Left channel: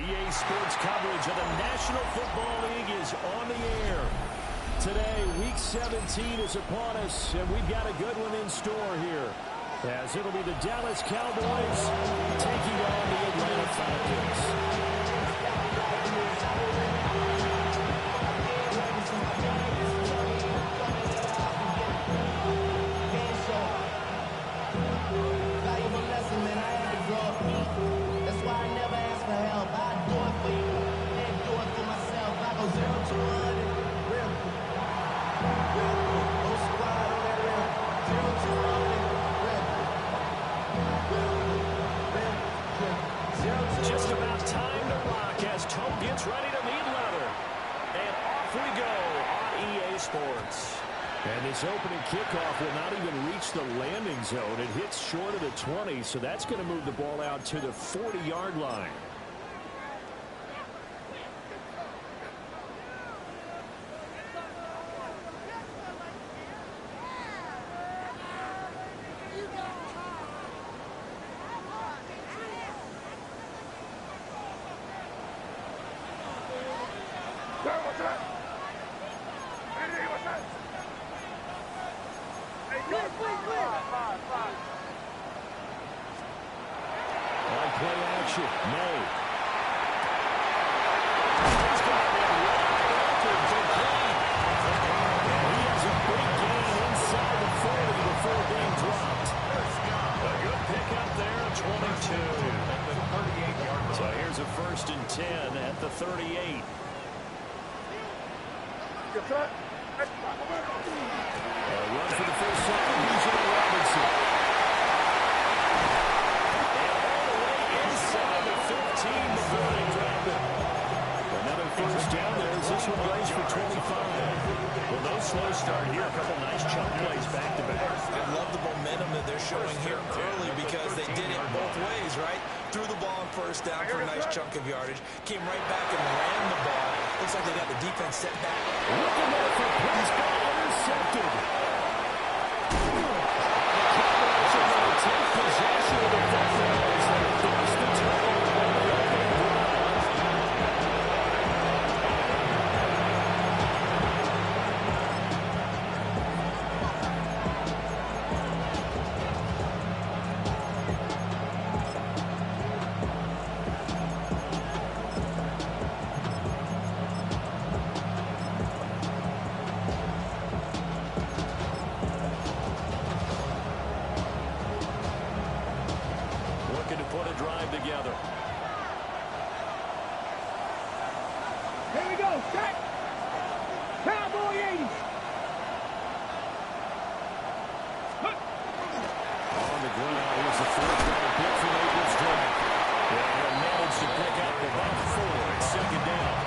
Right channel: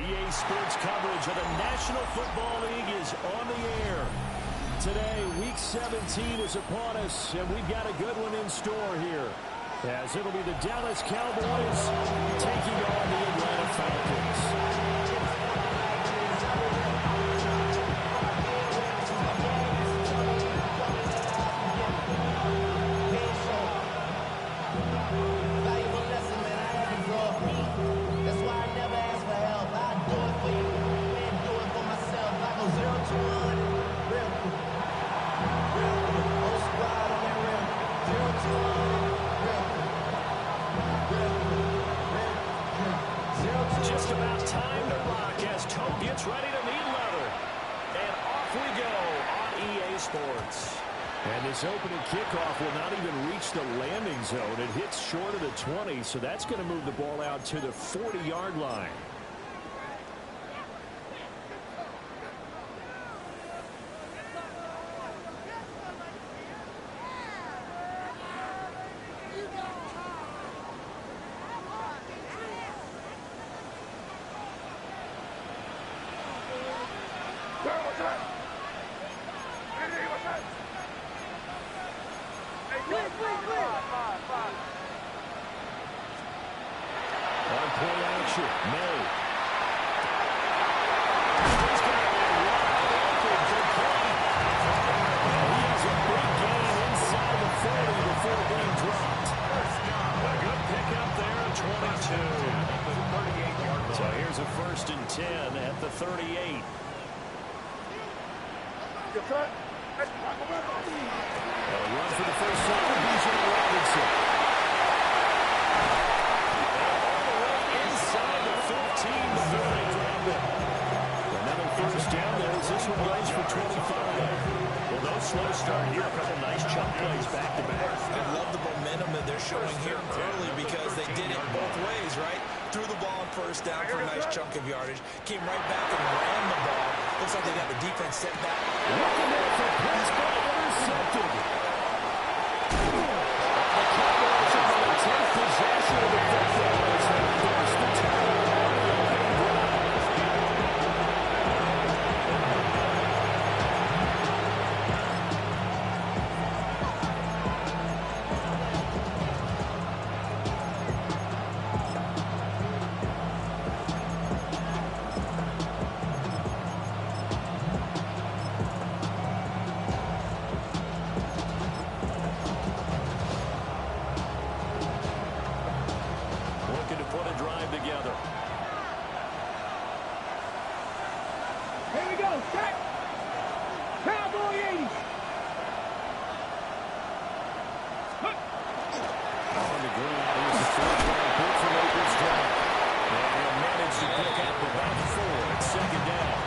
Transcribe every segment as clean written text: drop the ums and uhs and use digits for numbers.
EA Sports coverage of the National Football League is on the air. Today, Week 17 is upon us, and we've got a good one in store here, as it'll be the Dallas Cowboys taking on the Atlanta Falcons. Go 0 to 100, real quick, real quick. Whole squad on that real. 0 to 100, real quick, real quick, real quick. 0 to just about time to rock as Toe gets ready to meet leather. And off we go on EA Sports. And this opening kickoff will not even reach the landing zone. It hits short of the 20, so that's going to move the ball out to the 40-yard line. On play action, May. He's got it wide open, complete. And he has a big gain inside the 40 before being dropped. A good pickup there at 22. So here's a 1st and 10 at the 38. A run for the first time, B.J. Robinson. Inside the 15 before they drop it. Another 1st down there as this one goes for 25. Well, no slow start here. A couple nice chunk plays back to back. I love the momentum that they're showing here early because they did it both ways, right? Threw the ball on 1st down for a nice chunk of yardage. Came right back and ran the ball. Looks like they got the defense set back. Looking there for Prescott, intercepted. The Cowboys are going to take possession of the football as they force the turnover on the opening drive. Looking to put a drive together. Here we go. Set. Cowboy 80. On the ground, here's the 4th-down pick from April's drive. And he'll manage to pick up about 4 at 2nd down.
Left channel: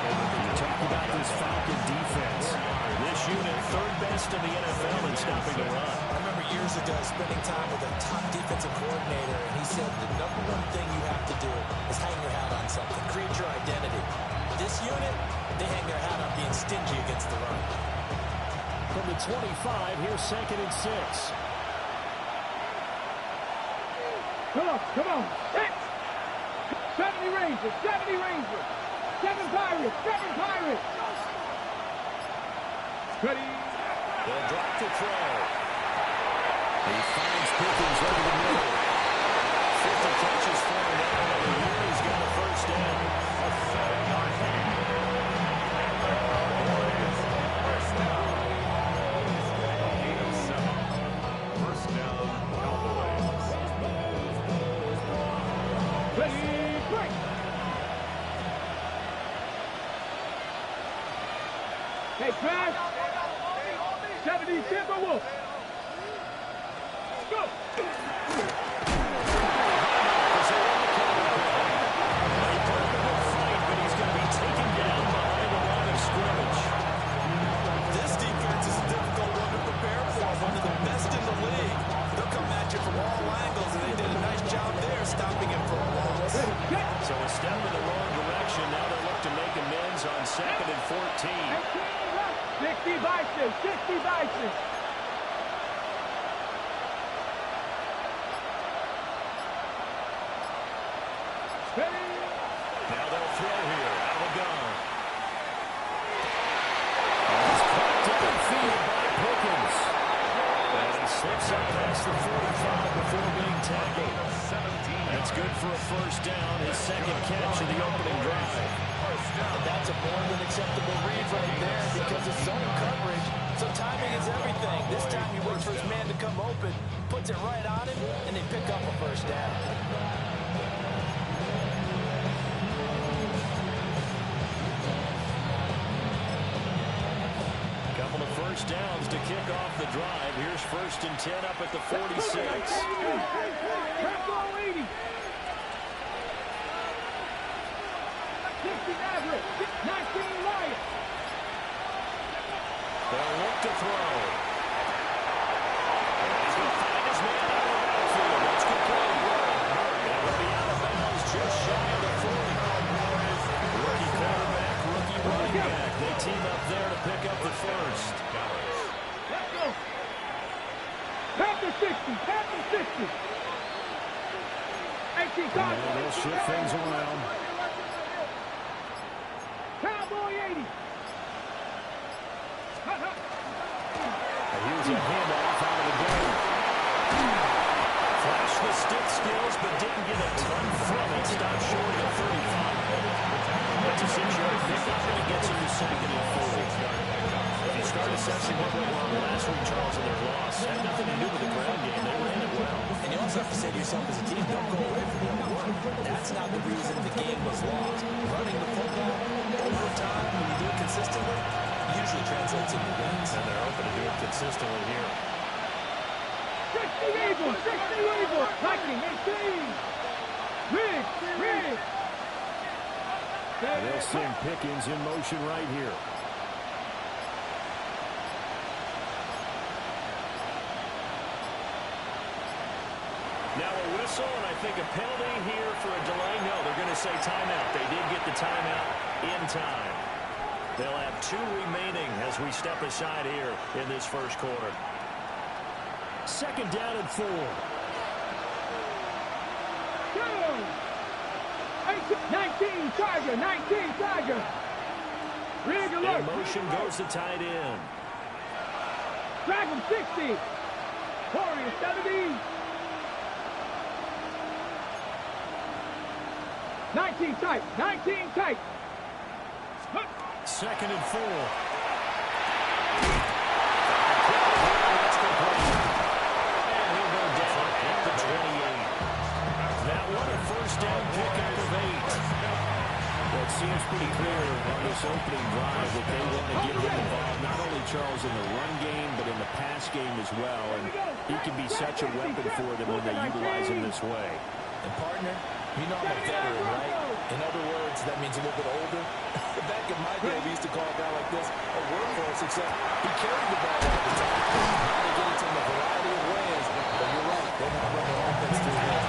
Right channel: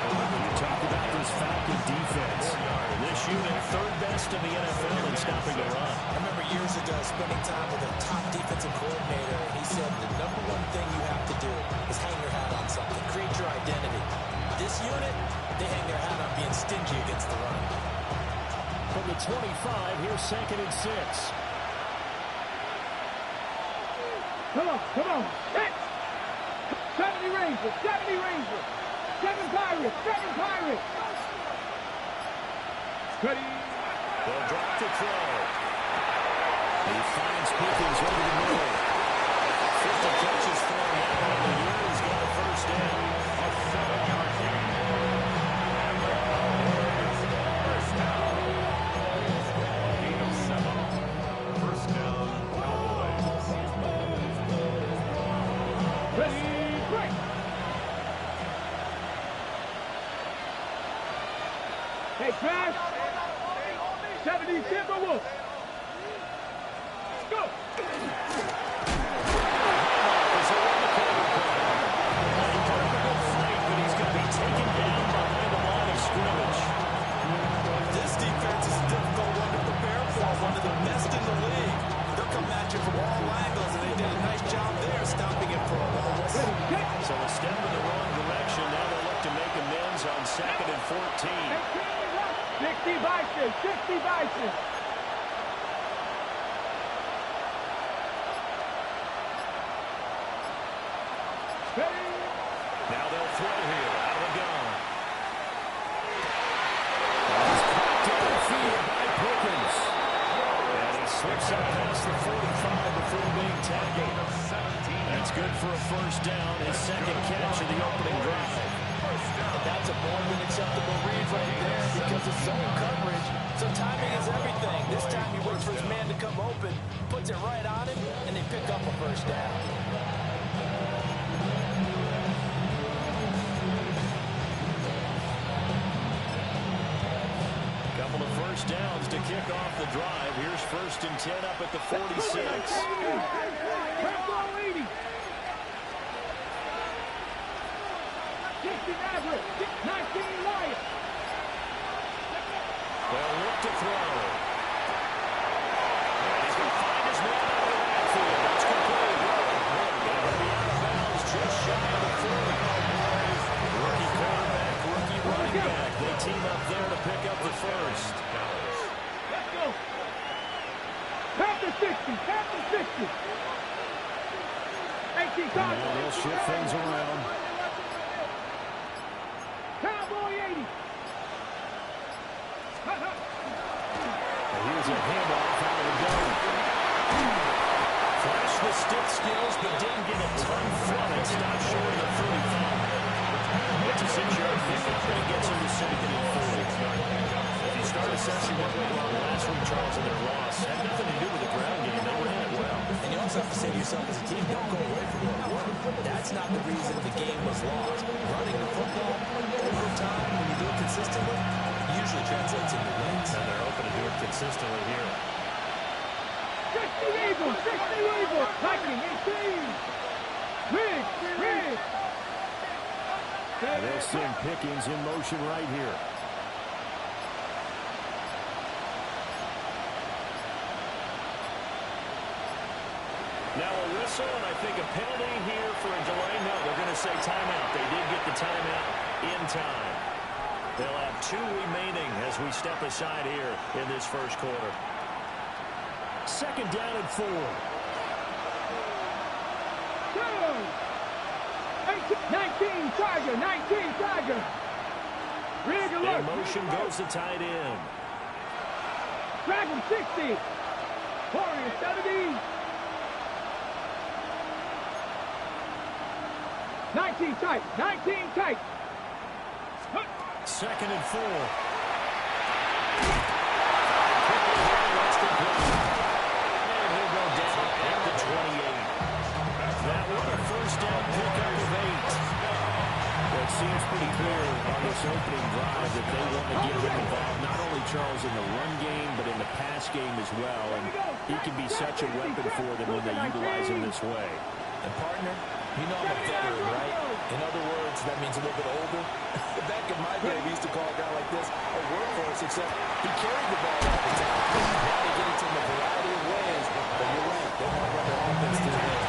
You talk about this Falcon defense. This unit, 3rd best in the NFL in stopping the run. I remember years ago spending time with a top defensive coordinator, and he said the #1 thing you have to do is hang your hat on something, create your identity. This unit, they hang their hat on being stingy against the run. From the 25, here's 2nd and 6. Come on. Set. 70 Rangers. 70 Rangers. 7 Pirates. 7 Pirates. Ready. They'll drop the throw. He finds Pickens over the middle. 50 catches for him now on the year. He's got a 1st down. A 7-yard gain. And the Cowboys, 1st down. Gain of 7. 1st down, Cowboys. Ready. Break. Hey, Crash. 70 Timberwolves. Let's go. He put up a good fight, but he's going to be taken down behind the line of scrimmage. This defense is a difficult one to prepare for, one of the best in the league. They'll come at you from all angles, and they did a nice job there stopping him for a loss. So a step in the wrong direction. Now they look to make amends on 2nd and 14. 60 Bison. 60 Bison. Ready. Slips up past the 45 before being tackled. That's good for a first down, his second catch of the opening drive. And that's a more than acceptable read right there because it's zone coverage. So timing is everything. This time he waits for his man to come open, puts it right on him, and they pick up a first down. Couple of first downs to kick off the drive. Here's 1st and 10 up at the 46. Bravo 80. 16 average. 19 Lions. They'll look to throw. And he's going to find his man out of the backfield. That's complete. And he'll be out of bounds just shy of the 40. Rookie quarterback, rookie running back. They team up there to pick up the first. Let's go. Past the 60. Past the 60. 18 cards. Now they'll shift things around. Cowboy 80. And here's a handoff out of the gun. Flashed the stick skills, but didn't get a ton from it. Stopped short of the 35. It's a 6-yard pickup, and it gets him to 2nd and 4. If you start assessing what went wrong last week, Charles, in their loss, had nothing to do with the ground game. They ran it well. And you also have to say to yourself as a team, don't go away from what worked. That's not the reason the game was lost. Running the football over time, when you do it consistently, usually translates into wins. And they're open to do it consistently here. 60 Eagles. 60 Eagles. Lightning 18. Rig. And they'll send Pickens in motion right here. Now a whistle, and I think a penalty here for a delay. No, they're going to say timeout. They did get the timeout in time. They'll have 2 remaining as we step aside here in this first quarter. 2nd down and 4. Go. 19 Tiger. 19 Tiger. Rig alert. In motion goes the tight end. Drag him 60. Warrior 70. 19 tight. 19 tight. 2nd and 4. Fired quickly here. That's complete. And he'll go down at the 28. That one a first down pickup of 8. Well, it seems pretty clear on this opening drive that they want to get him involved, not only, Charles, in the run game, but in the pass game as well. And he can be such a weapon for them when they utilize him this way. And partner, you know I'm a veteran, right? In other words, that means a little bit older. Back in my day, we used to call a guy like this a workhorse, except he carried the ball all the time. Now they get it to him a variety of ways, but you're right. They want to run their offense through him.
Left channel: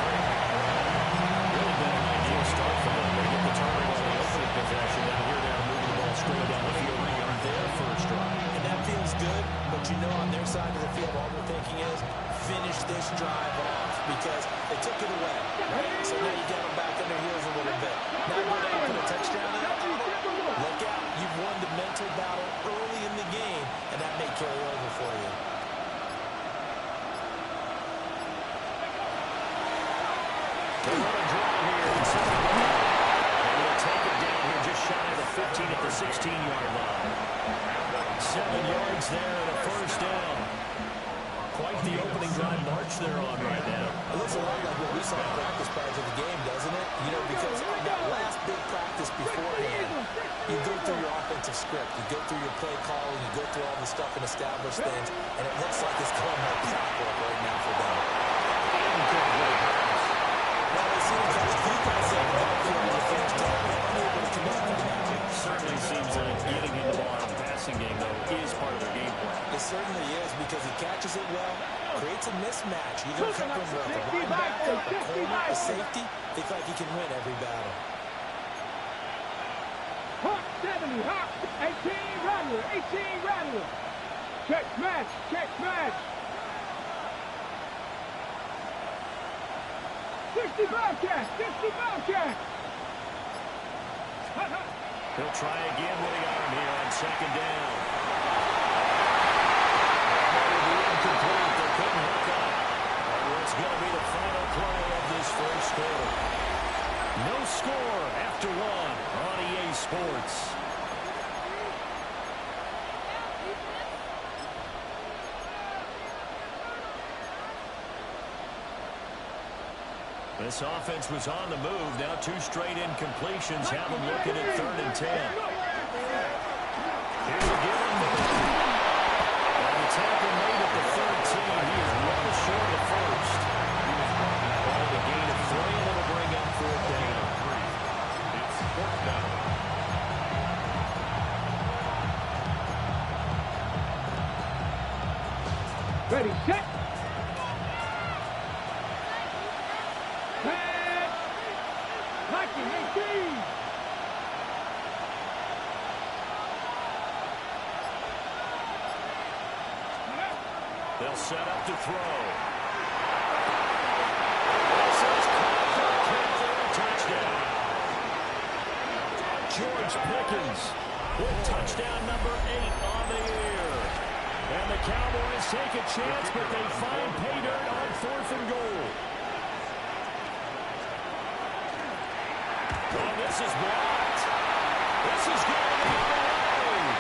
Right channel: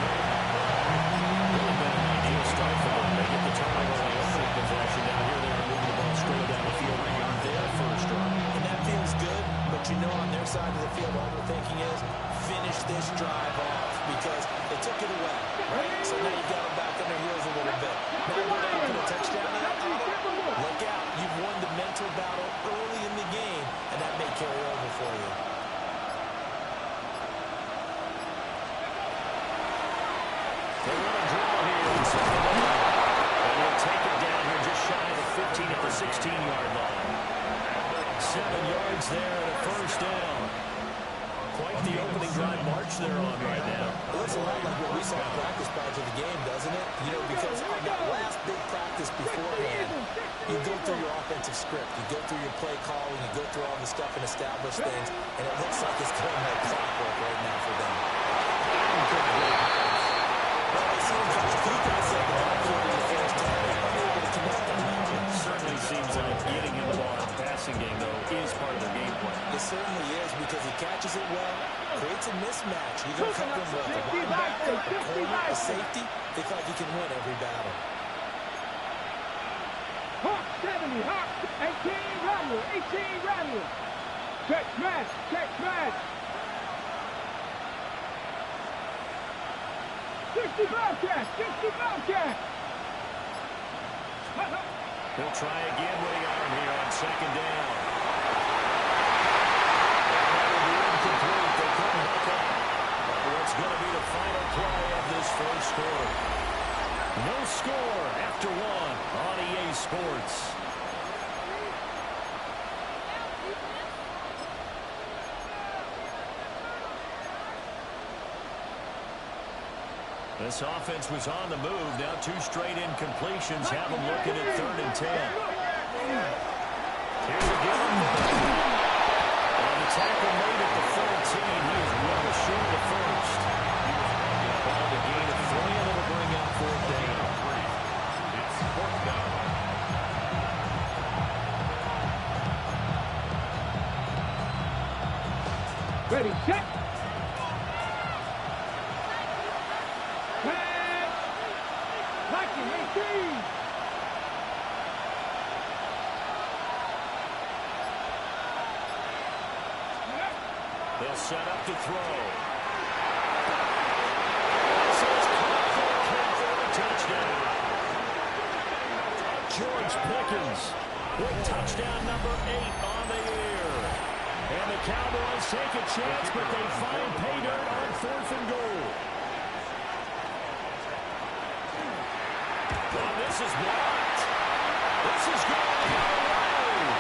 Really been an ideal start for them. They get the turnover on the opening possession. Now here they are moving the ball straight down the field on their first drive. And that feels good, but you know on their side of the field, all they're thinking is finish this drive off because they took it away, right? So now you got them back on their heels a little bit. Now go down and put a touchdown in. Look out. You've won the mental battle early in the game, and that may carry over for you. They run a draw here in 2nd down. And he'll take it down here just shy of the 15 at the 16-yard line. 7 yards there and a first down. Quite the opening drive march they're on right now. It looks a lot like what we saw in practice prior to the game, doesn't it? You know, because on that last big practice beforehand, you go through your offensive script, you go through your play calling, you go through all the stuff and establish things, and it looks like it's going like clockwork right now for them. Well, they seem to just deep in the backfield in the first half, unable to connect on that. Certainly seems like getting him the ball in the passing game, though, is part of their game plan. It certainly is because he catches it well, creates a mismatch. You're going to cover him with a linebacker, a corner, a safety. They feel like he can win every battle. Hawk 70. Hawk 18 Rattler. 18 Rattler. Check smash. Check smash. 60 Bobcat. 60 Bobcat. He'll try again when he got him here on 2nd down. That will be incomplete. They couldn't No score after one on EA Sports. This offense was on the move. Now 2 straight incompletions have them looking at 3rd and 10. Here's a give him. And the tackle made at the 13. He is well short of the first. He was brought that ball to gain of 3, and it'll bring up 4th down. It's 4th down. Ready, set. Pass. Blocking, 18. They'll set up to throw. This is caught for a touchdown. George Pickens with touchdown number 8 on the year. And the Cowboys take a chance, but they find pay dirt on 4th and goal. Oh, this is blocked. This is going the other way.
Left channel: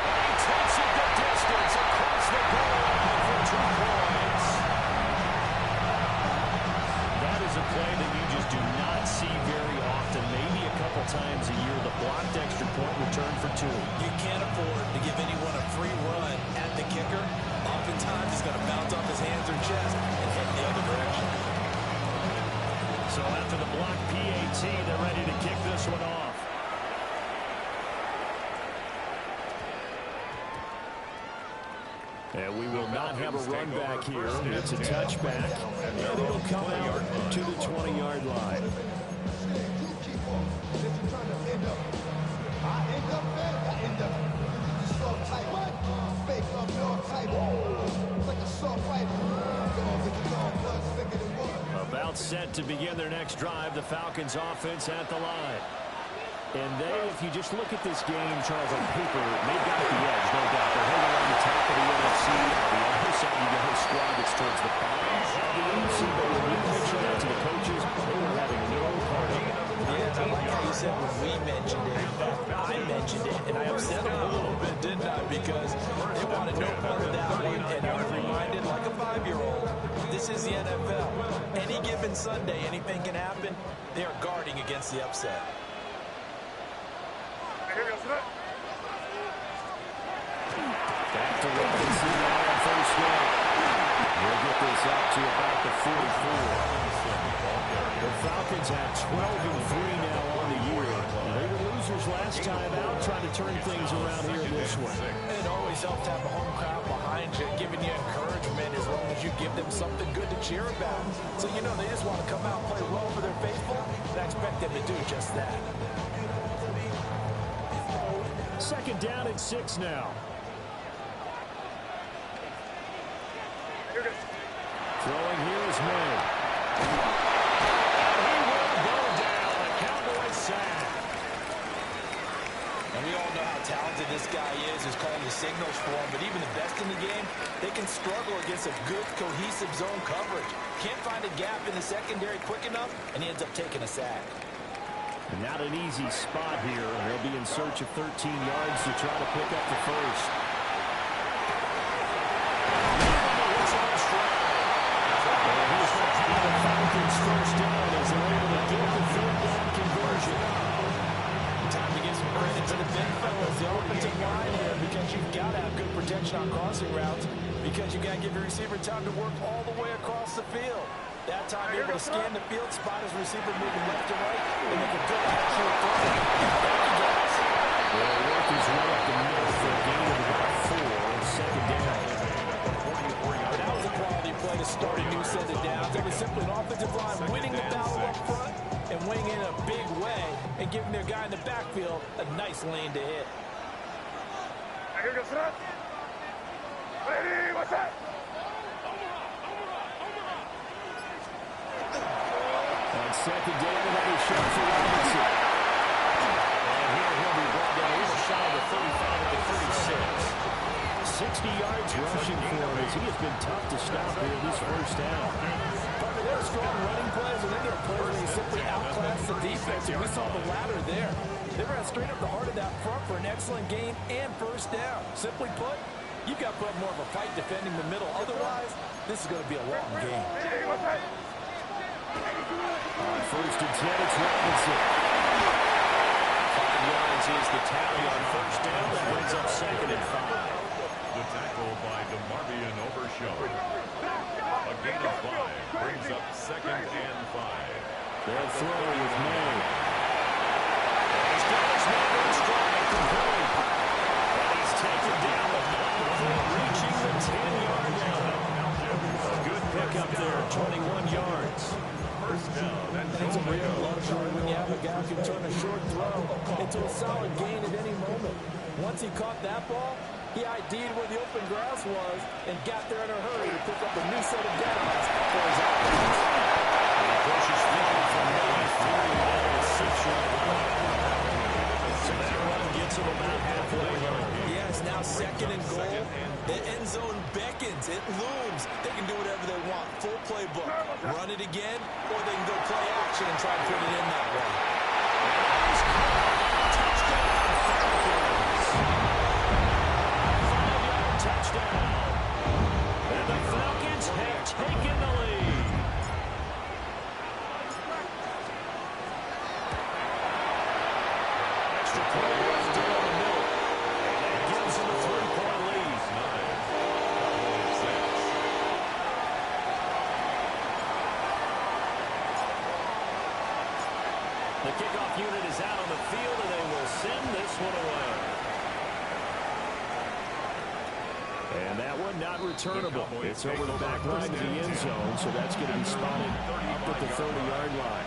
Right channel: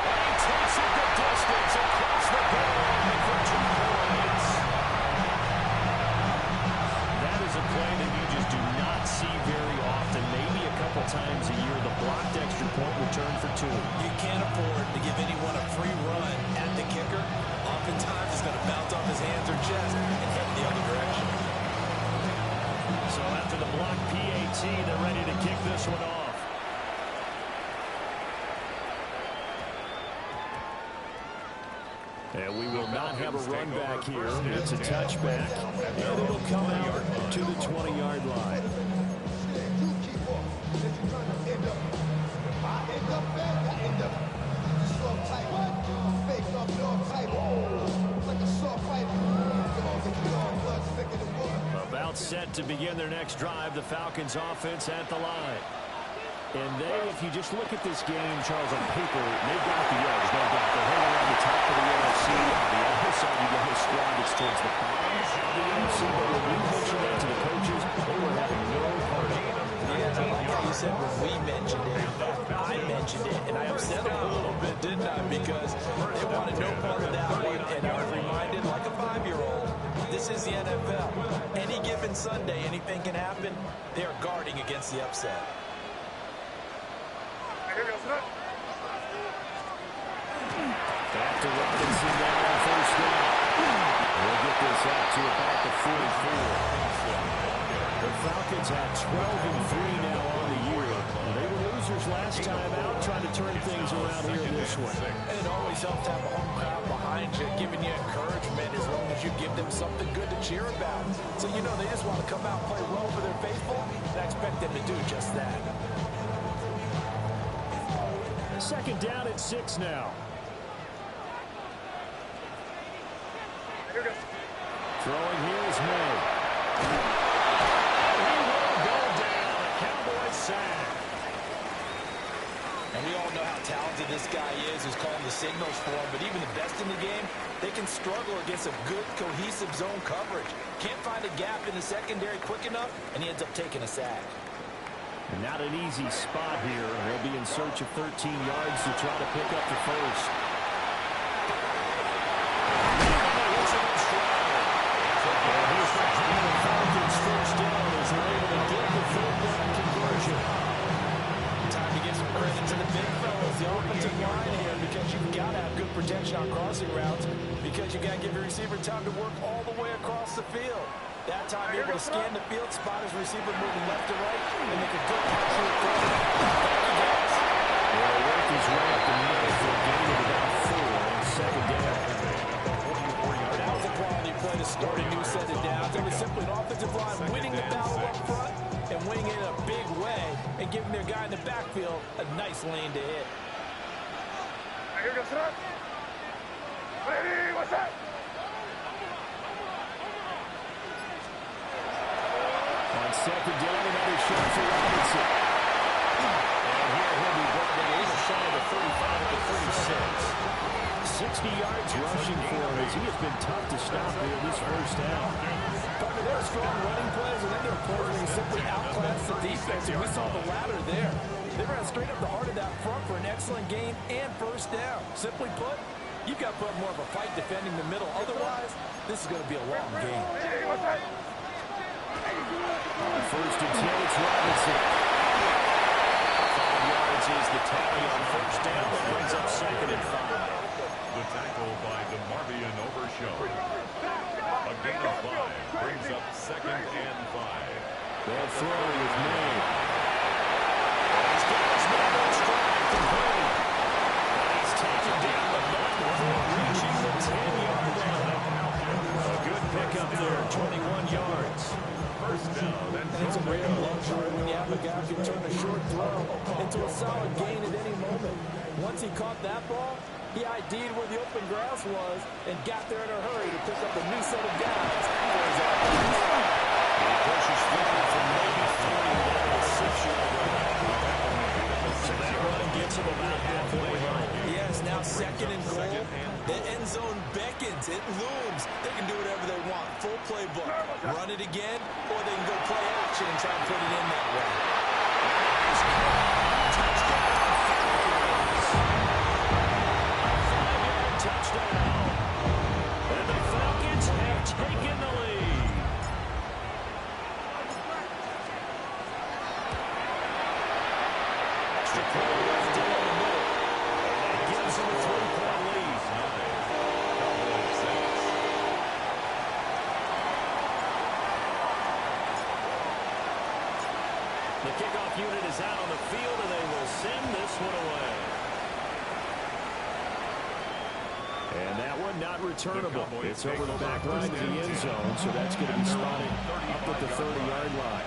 And he takes it the distance across the goal line for 2 points. That is a play that you just do not see very often. Maybe a couple times a year, the blocked extra point return for 2. You can't afford to give anyone a free run at the kicker. Oftentimes, it's going to bounce off his hands or chest and head the other direction. So after the block PAT, they're ready to kick this one off. And we will not have a run back here. It's a touchback, and it'll come out to the 20-yard line. About set to begin their next drive, the Falcons offense at the line. And they, if you just look at this game, Charles, on paper, they've got the edge, no doubt. They're hanging around the top of the NFC. On the other side, you got a squad that's towards the bottom of the NFC. But when we mentioned that to the coaches, they were having no part of it. Yeah, I like how you said when we mentioned it. In fact, I mentioned it, and I upset them a little bit, didn't I? Because they wanted no part of that one, and I was reminded, like a 5-year-old, this is the NFL. Any given Sunday, anything can happen. They are guarding against the upset. Back to Robinson now on 1st down. We'll get this up to about the 44. The Falcons had 12-3 now on the year. They were losers last time out, trying to turn things around here this one. And it always helps to have a home crowd behind you, giving you encouragement as long as you give them something good to cheer about. So, you know, they just want to come out and play well for their faithful, and I expect them to do just that. 2nd down and 6 now. Throwing here is May. And he will go down. A Cowboys sack. And we all know how talented this guy is who's calling the signals for him, but even the best in the game, they can struggle against a good, cohesive zone coverage. Can't find a gap in the secondary quick enough, and he ends up taking a sack. And not an easy spot here. They'll be in search of 13 yards to try to pick up the first. And here's the Falcons' first down as they're able to get the 3rd down conversion. Time to give some credit to the big fellas, the offensive line here, because you've got to have good protection on crossing routes, because you've got to give your receiver time to work all the way across the field. That time, able to scan the field, spot his receiver moving left to right, and make a good catch here. Thank you, guys. Well, work his way up the middle for a gain of about 4 on 2nd down. That was a quality play to start a new set of downs. It was simply an offensive line winning the battle up front and winning it in a big way and giving their guy in the backfield a nice lane to hit. Ready, what's that? On 2nd down, another shot for Robinson. And here he'll be brought down a little shy of the 35 at the 36. 6 60 yards rushing for him as he has been tough to stop here this first half. There are strong running plays, and then there are plays where you simply outclass the defense, and we saw the latter there. They ran straight up the heart of that front for an excellent gain and first down. Simply put, you've got to put up more of a fight defending the middle. Otherwise, this is going to be a long game. On first and 10, it's Robinson. 5 yards is the tally on first down. That brings up second and 5. The tackle by DeMarvion Overshown. A gain of 5 brings up second and 5. They'll throw with May. He's got his man on stride from Boone. And he's taken down the back before reaching the 10-yard line. A good pickup there, 21 yards. First down. And it's a rare luxury when you have a guy who can turn a short throw into a solid gain at any moment. Once he caught that ball, he ID'd where the open grass was and got there in a hurry to pick up a new set of downs for his offense. He pushes forward from maybe 40 down to 6-yard line. So that run gets him about halfway home. Yes, now second and goal. The end zone beckons. It looms. They can do whatever they want. Full playbook. Run it again, or they can go play action and try to put it in that way. He's caught. Touchdown, Falcons. A 5-yard touchdown. And the Falcons have taken the lead. Extra point left in on the middle. And that gives them a 3-point lead. 9. Cowboys 6. The kickoff unit is out on the field, and they will send this one away. And that one not returnable. It's over the back line to the end zone, so that's going to be spotted up at the 30-yard line.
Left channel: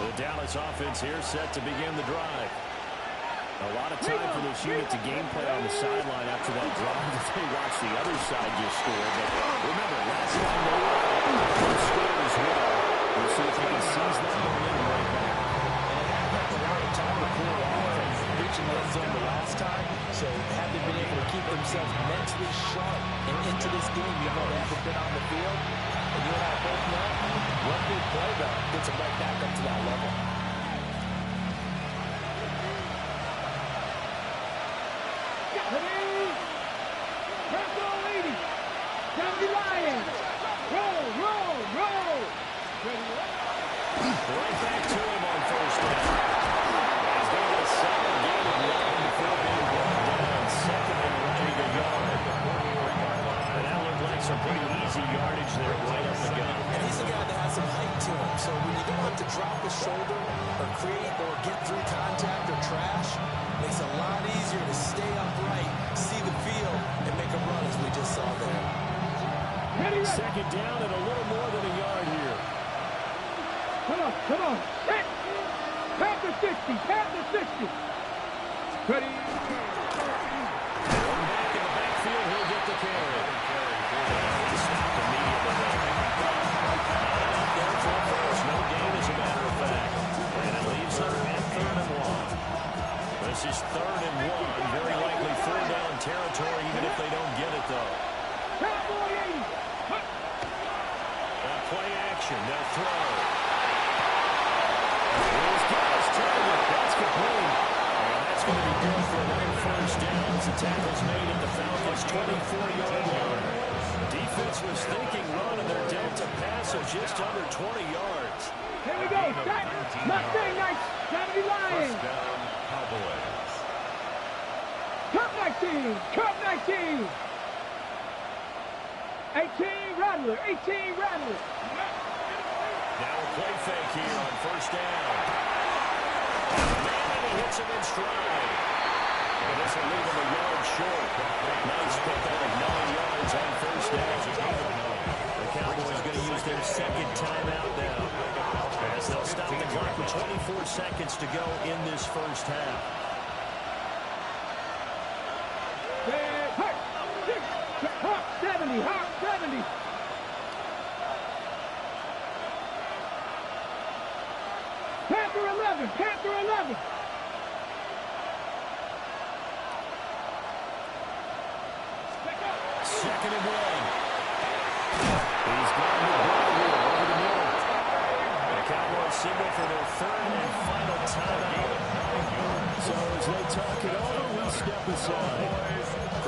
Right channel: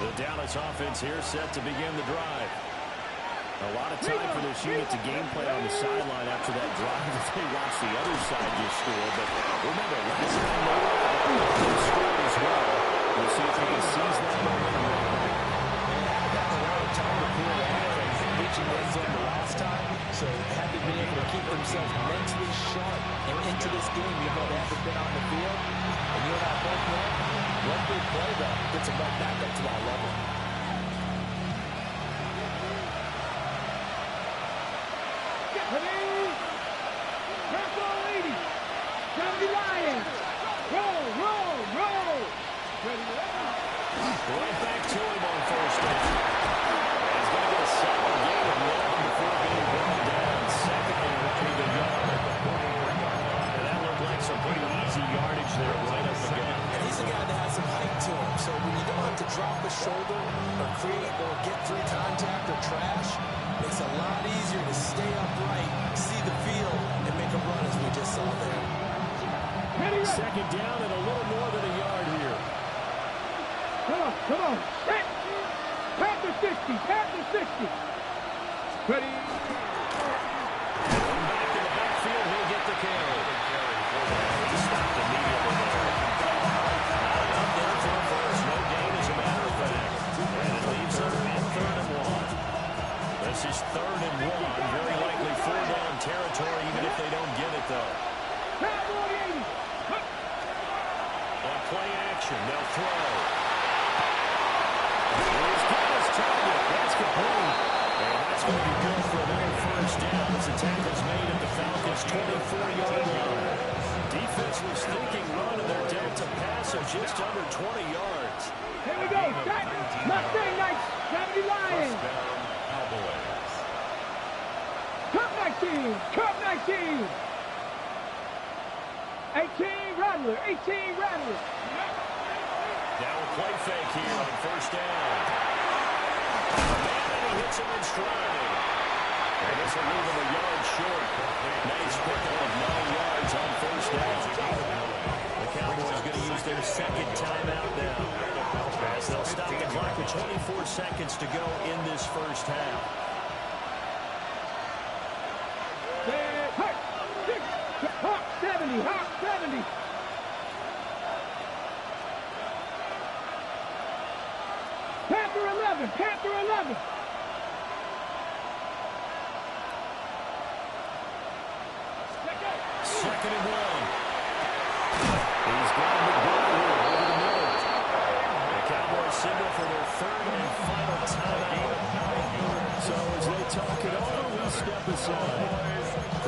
The Dallas offense here set to begin the drive. A lot of time for this unit to game plan on the sideline after that drive that they watched the other side just score. But remember, last time they were out, they scored as well. We'll see if they can seize that momentum right back. And had had a lot of time to cool off and reaching the end zone the last time. So had they been able to keep themselves mentally sharp and into this game, even though they haven't been on the field. And you and I both know, one big play, though, gets them right back up to that level. Ready? Purple lady. Down the Lions. Roll, roll, roll. Ready? Right back to him on first down. He's going to get a solid gain of 1 before being brought down. Second and right at the yard. And that looked like some pretty easy yardage there right up the gut. And he's a guy that has some height to him. So when you don't have to drop a shoulder or create or get through contact or trash, makes it a lot easier to stay upright, see the field, and make a run as we just saw there. Second down and a little more than a yard here. Come on, come on. Set. Pat the 60, pat the 60. Ready? One back in the backfield, he'll get the carry. He stopped immediately there. Not enough there for a first. No gain, as a matter of fact. And it leaves them at 3rd and 1. This is 3rd and 1. Very likely 4-down territory, even if they don't get it, though. Cowboy 80. On play action, they'll throw. He's got his target. That's complete. And that's going to be good for another first down as the tackle's made at the Falcons' 24-yard line. Defense was thinking run, and they're dealt to pass of just under 20 yards. Here we go. Set. Mustang Knights. 70 Lions. First down, Cowboys. Cup 19. Cup 19. 18 Rattler. 18 Rattler. Now a play fake here on first down. Man, and he hits him in stride. And this will leave him a yard short. Nice pickup of 9 yards on first down. The Cowboys going to use their second timeout now, as they'll stop the clock with 24 seconds to go in this first half. Hawk 70. Hawk 70. Panther 11. Panther 11. second and 1. He's got McBride here over the middle. The Cowboys signal for their third and final timeout. So as they talk it over, we step aside.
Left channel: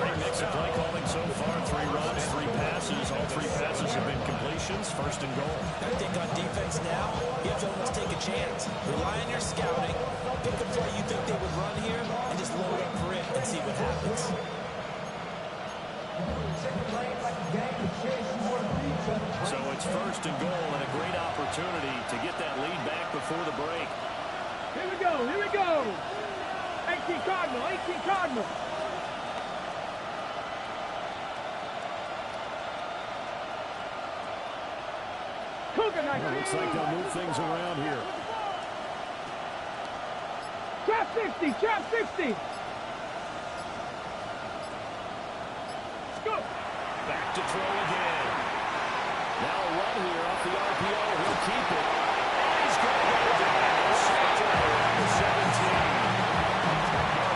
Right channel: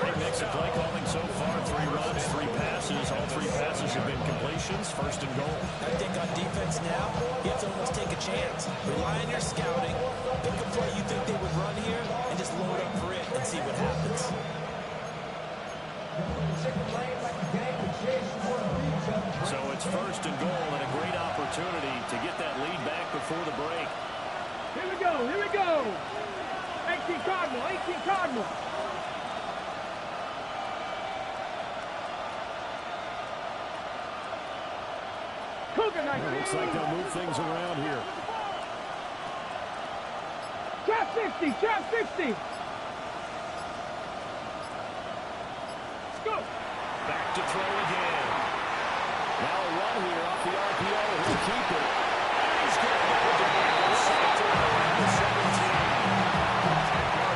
Great mix of play calling so far. 3 runs, 3 passes. All 3 passes have been completions. First and goal. I think on defense now, you have to almost take a chance. Rely on your scouting. Pick a play you think they would run here, and just load up for it and see what happens. So it's first and goal and a great opportunity to get that lead back before the break. Here we go, here we go. 18 Cardinal, 18 Cardinal. Cougar 19. Looks like they'll move things around here. Trap 60, trap 60. Go. Back to throw again. Now a run here off the RPO. He'll keep it. And he's going to go down. Sacked around the 17.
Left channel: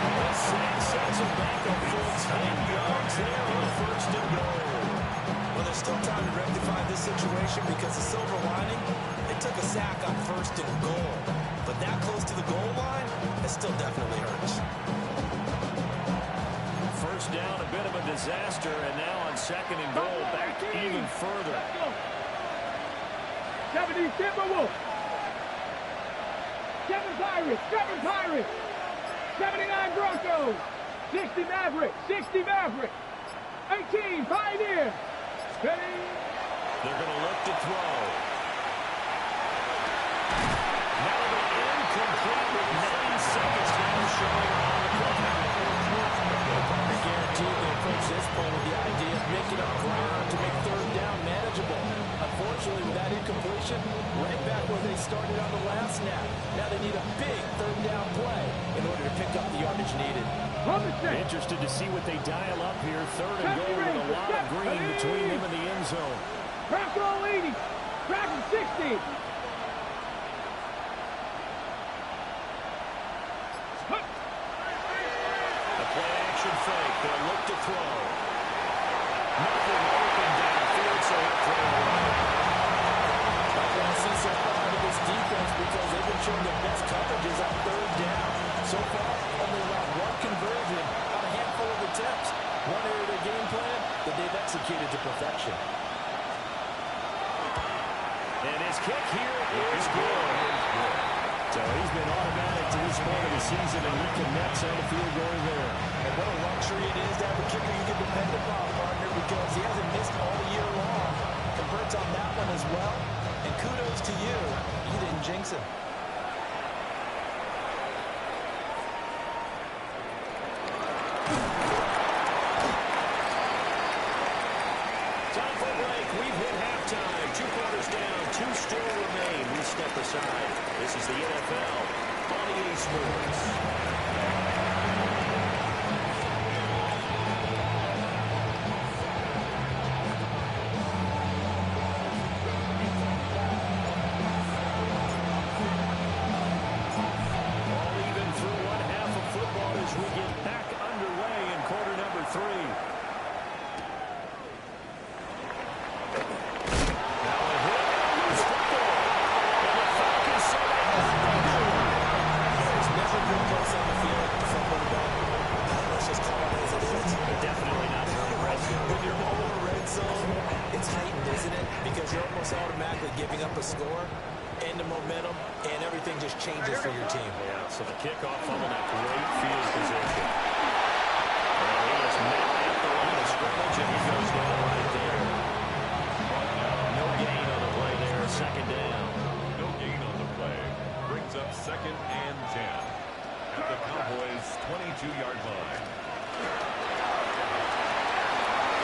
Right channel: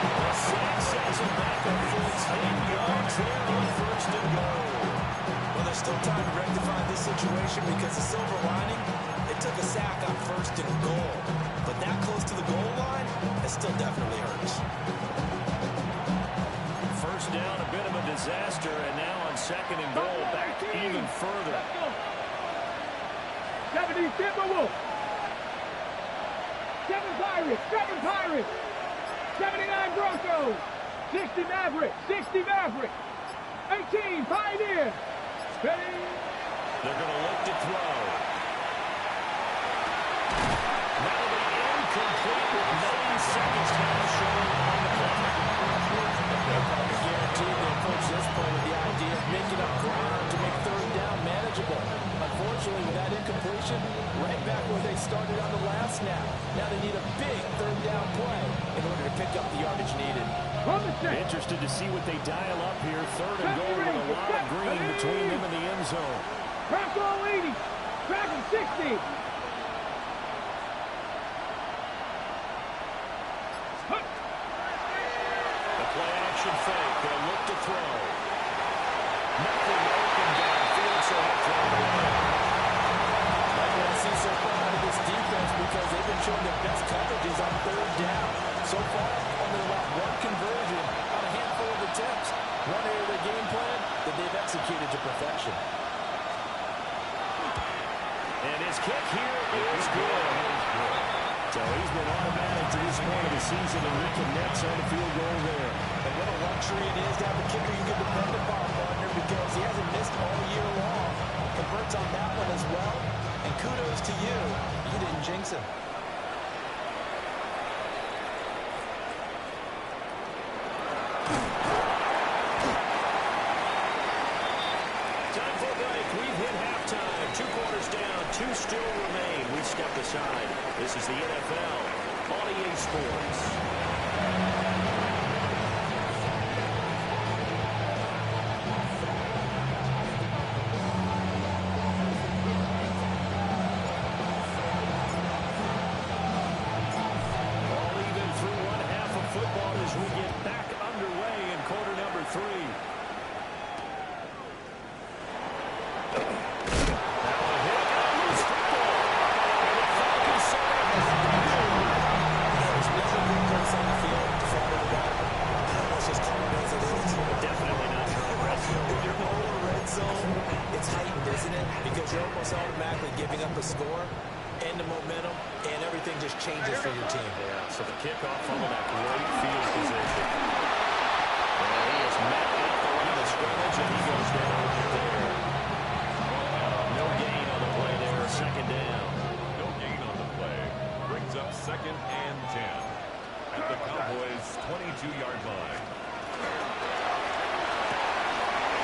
The sack sends him back a full 10 yards there on first and goal. Well, there's still time to rectify this situation because the silver lining, they took a sack on first and goal. But that close to the goal line, it still definitely hurts. First down, a bit of a disaster, and now on second and goal, back even further. 70 Timberwolves. 7 Pirates, 7 Pirates. 79 Broncos. 60 Mavericks, 60 Mavericks. 18 Pioneers. Ready? They're going to look to throw. That'll be incomplete with 9 seconds now showing on the clock. Probably guaranteed they approach this point with the idea of making up ground to make third down manageable. Unfortunately, with that incompletion, right back where they started on the last snap. Now they need a big third down play in order to pick up the yardage needed. Interested to see what they dial up here. Third and goal with a lot of green between them and the end zone. Bronco 80. Dragon 60. The play action fake. They'll look to throw. Nothing open downfield, so he'll throw it away. Like what I see so far out of this defense because they've been showing their best coverages on third down. So far, only allowed 1 conversion on a handful of attempts. One area of their game plan that they've executed to perfection. And his kick here is good. So he's been automatic to this point of the season, and he connects on the field goal there. And what a luxury it is to have a kicker you can depend upon, partner, because he hasn't missed all year long. Converts on that one as well. And kudos to you. You didn't jinx him. Time for a break. We've hit halftime. 2 quarters down. 2 still remain. We step aside. This is the NFL on EA Sports. All even through 1/2 of football as we get back underway in quarter number 3. Now a hit and a loose football. And the Falcons say they have breakthrough. There's never been place on the field to fumble the ball. Let's just call it as it is. But definitely not during the red zone. When you're over red zone, it's heightened, isn't it? Because you're almost automatically giving up a score and the momentum, and everything just changes for your team. Yeah, so the kickoff fumble, that great field position. And he is met at the line of scrimmage, and he goes down right there. No gain on the play there, second down. No gain on the play. Brings up second and 10 at the Cowboys' 22-yard line.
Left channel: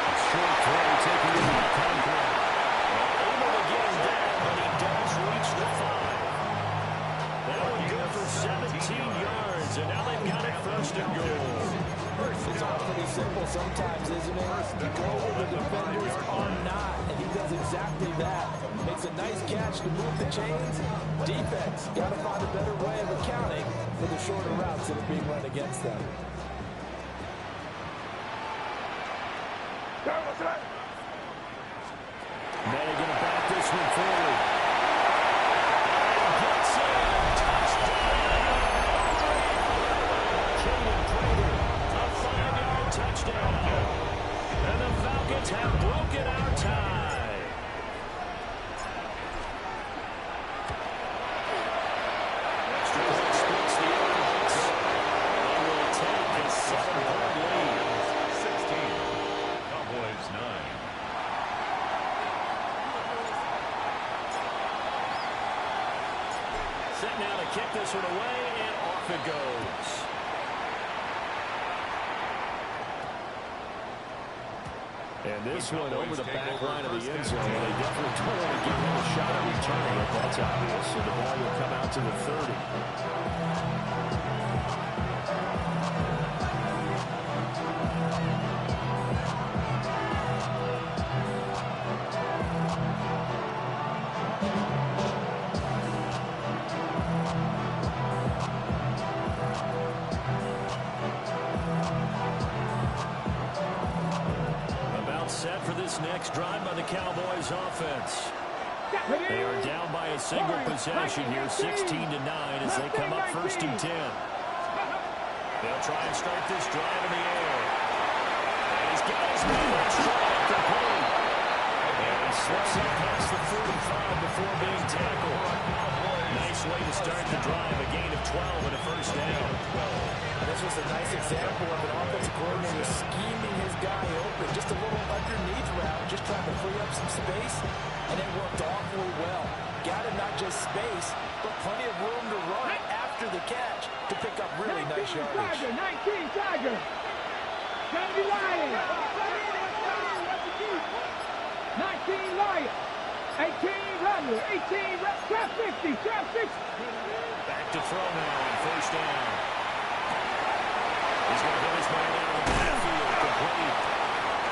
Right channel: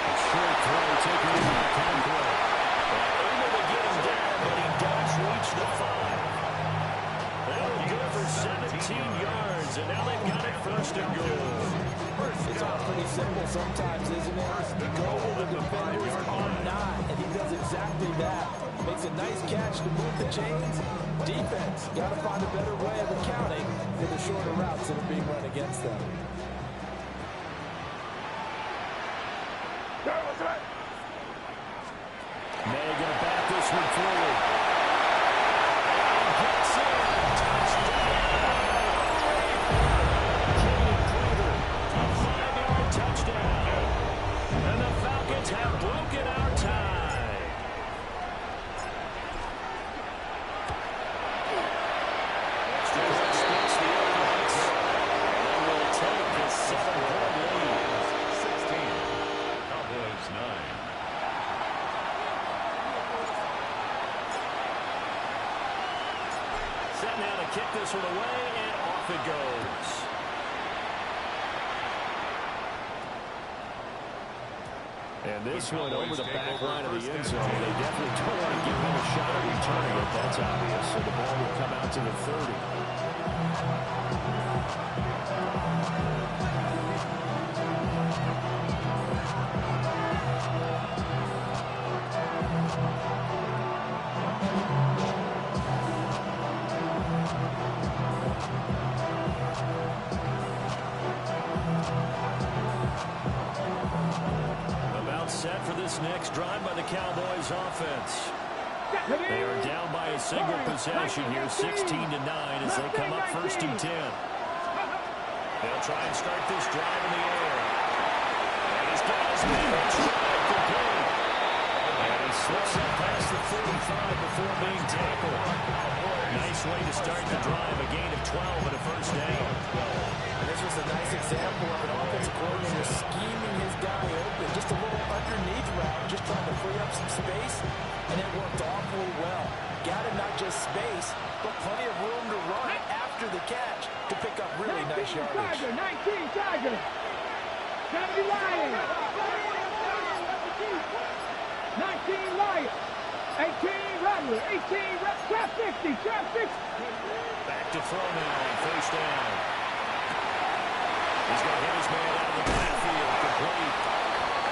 A short throw taken in by Conquer. Able to get him down, but he does reach the 5. That was good for 17 yards, and now they've got it first and goal. It's all pretty simple sometimes, isn't it? Go where the defenders are not, and he does exactly that. Makes a nice catch to move the chains. Defense, got to find a better way of accounting for the shorter routes that are being run against them. May going to bat this one forward. And gets in. Touchdown. Jaden Prater, a 5-yard touchdown. And the Falcons have broken our tie. Extra point splits the offense. They will take a 7-point lead. 16. Cowboys 9. Set now to kick this one away, and off it goes. And this one over the back line of the end zone. They definitely don't want to give him a shot at returning it. That's obvious. So the ball will come out to the 30. Set for this next drive by the Cowboys offense. They are down by a single possession here, 16-9 as they come up 1st and 10. They'll try and start this drive in the air. And he's got his man in stride, complete. And he slips up past the 45 before being tackled. Nice way to start the drive, a gain of 12 and a 1st down. And this was a nice example of an offensive coordinator scheming his guy open. Just a little underneath route, just trying to free up some space, and it worked awfully well. Got him not just space, but plenty of room to run after the catch to pick up really nice yardage. 19 Tiger. 70 Lions. 19 Lions. 18 Rattler. 18 Trap 50. Trap 50. Back to throw now on 1st down. He's going to hit his man out of the backfield, complete.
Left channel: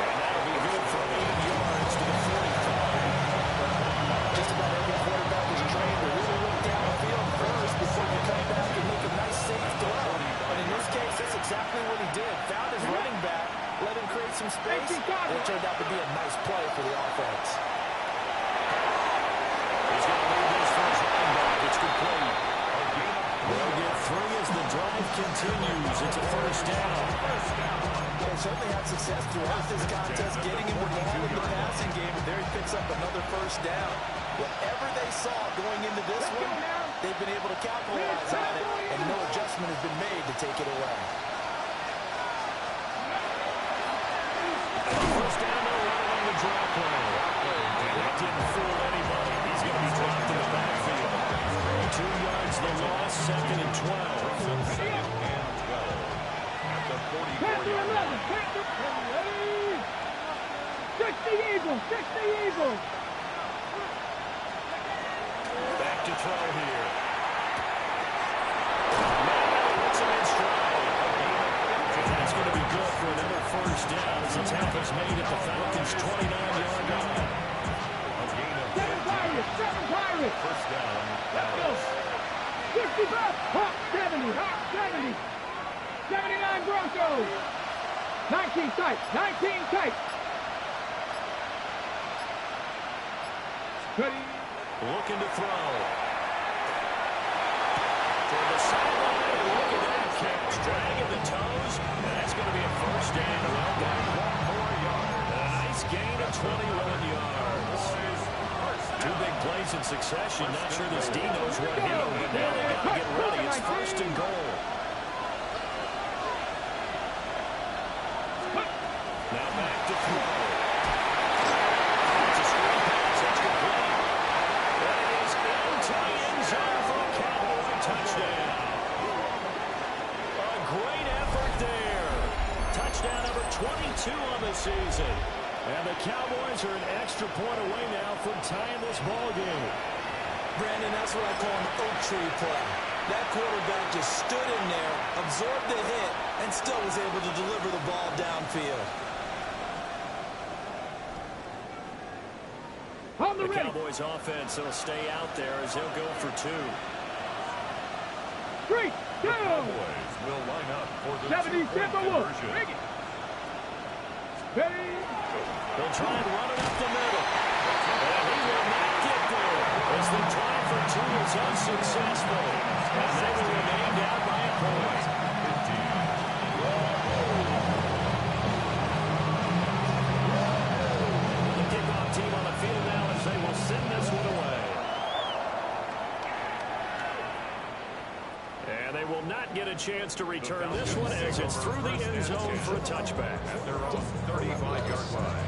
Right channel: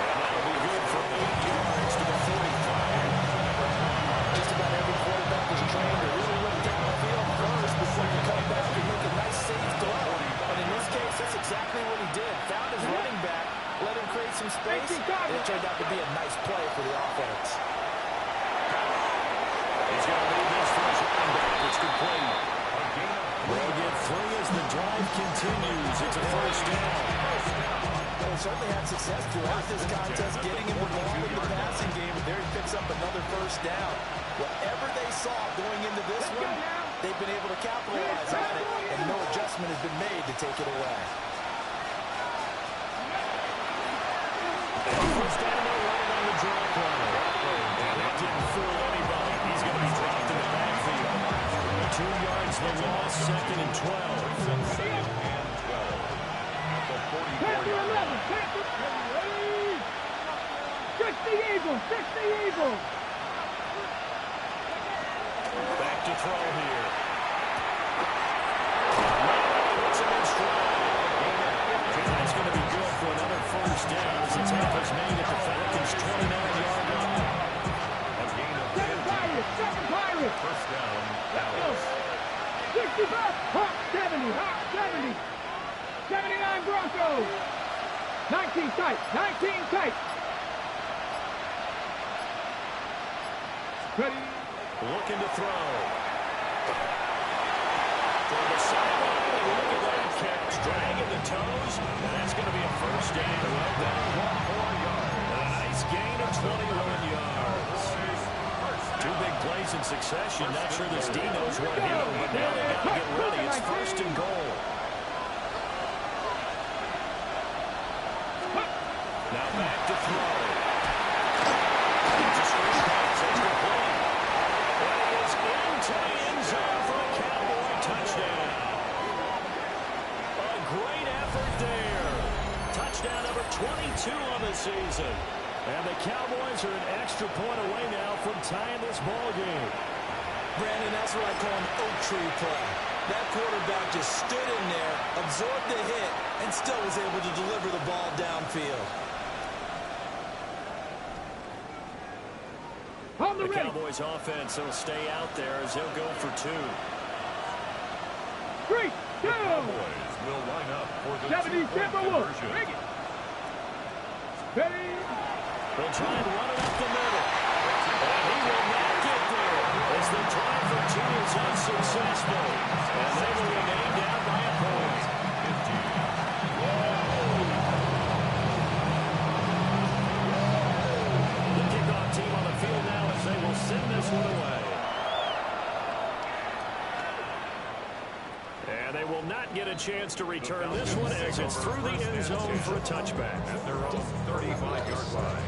And that'll be good for 8 yards to the 45. Just about every quarterback is trained to really look downfield first before you come back and make a nice safe throw. And in this case, that's exactly what he did. Found his running back, let him create some space, and it turned out to be a nice play for the offense. He's going to leave this for his running back. It's complete. They'll get 3 as the drive continues. It's a 1st down. They certainly had success throughout this contest, getting him the ball in the passing game, and there he picks up another 1st down. Whatever they saw going into this one, they've been able to capitalize on it, and no adjustment has been made to take it away. 1st down, they'll run it on the draw play. And that didn't fool anybody. He's going to be dropped in the backfield. 2 yards the loss, 2nd and 12. 2nd and 12. At the 44-yard line. 60 Eagles. 60 Eagles. Back to throw here. He hits him in stride. And that's going to be good for another 1st down as the tap is made at the Falcons' 29-yard line. A gain of 7 Pirates. 1st down. Let's go. 65. Hawk 70. Hawk 70. 79 Broncos. 19 tight. 19 tight. Ready. Looking to throw. For the sideline, and look at that catch. Dragging the toes, and that's going to be a 1st down. Well done. 1 more yard. And a nice gain of 21 yards. 2 big plays in succession. Not sure this D knows what hit him, but now they got to get ready. It's 1st and goal. Now back to throw. It's a screen pass. It's complete. That is into the end zone for a Cowboy touchdown. A great effort there. Touchdown number 22 on the season. And the Cowboys are an extra point away now from tying this ball game. Brandon, that's what I call an oak tree play. That quarterback just stood in there, absorbed the hit, and still was able to deliver the ball downfield. The Cowboys offense will stay out there as they'll go for 2. 3, 2. Cowboys will line up for the 70 2-point Timberwolves. conversion. Bring it. Ready? They'll try and run it up the middle. And he will not get there as the try for two is unsuccessful. And they will remain down by a point. 15. The kickoff team on the field now as they will send this one away. And they will not get a chance to return this one as it's through the end zone for a touchback. At their own 35-yard line.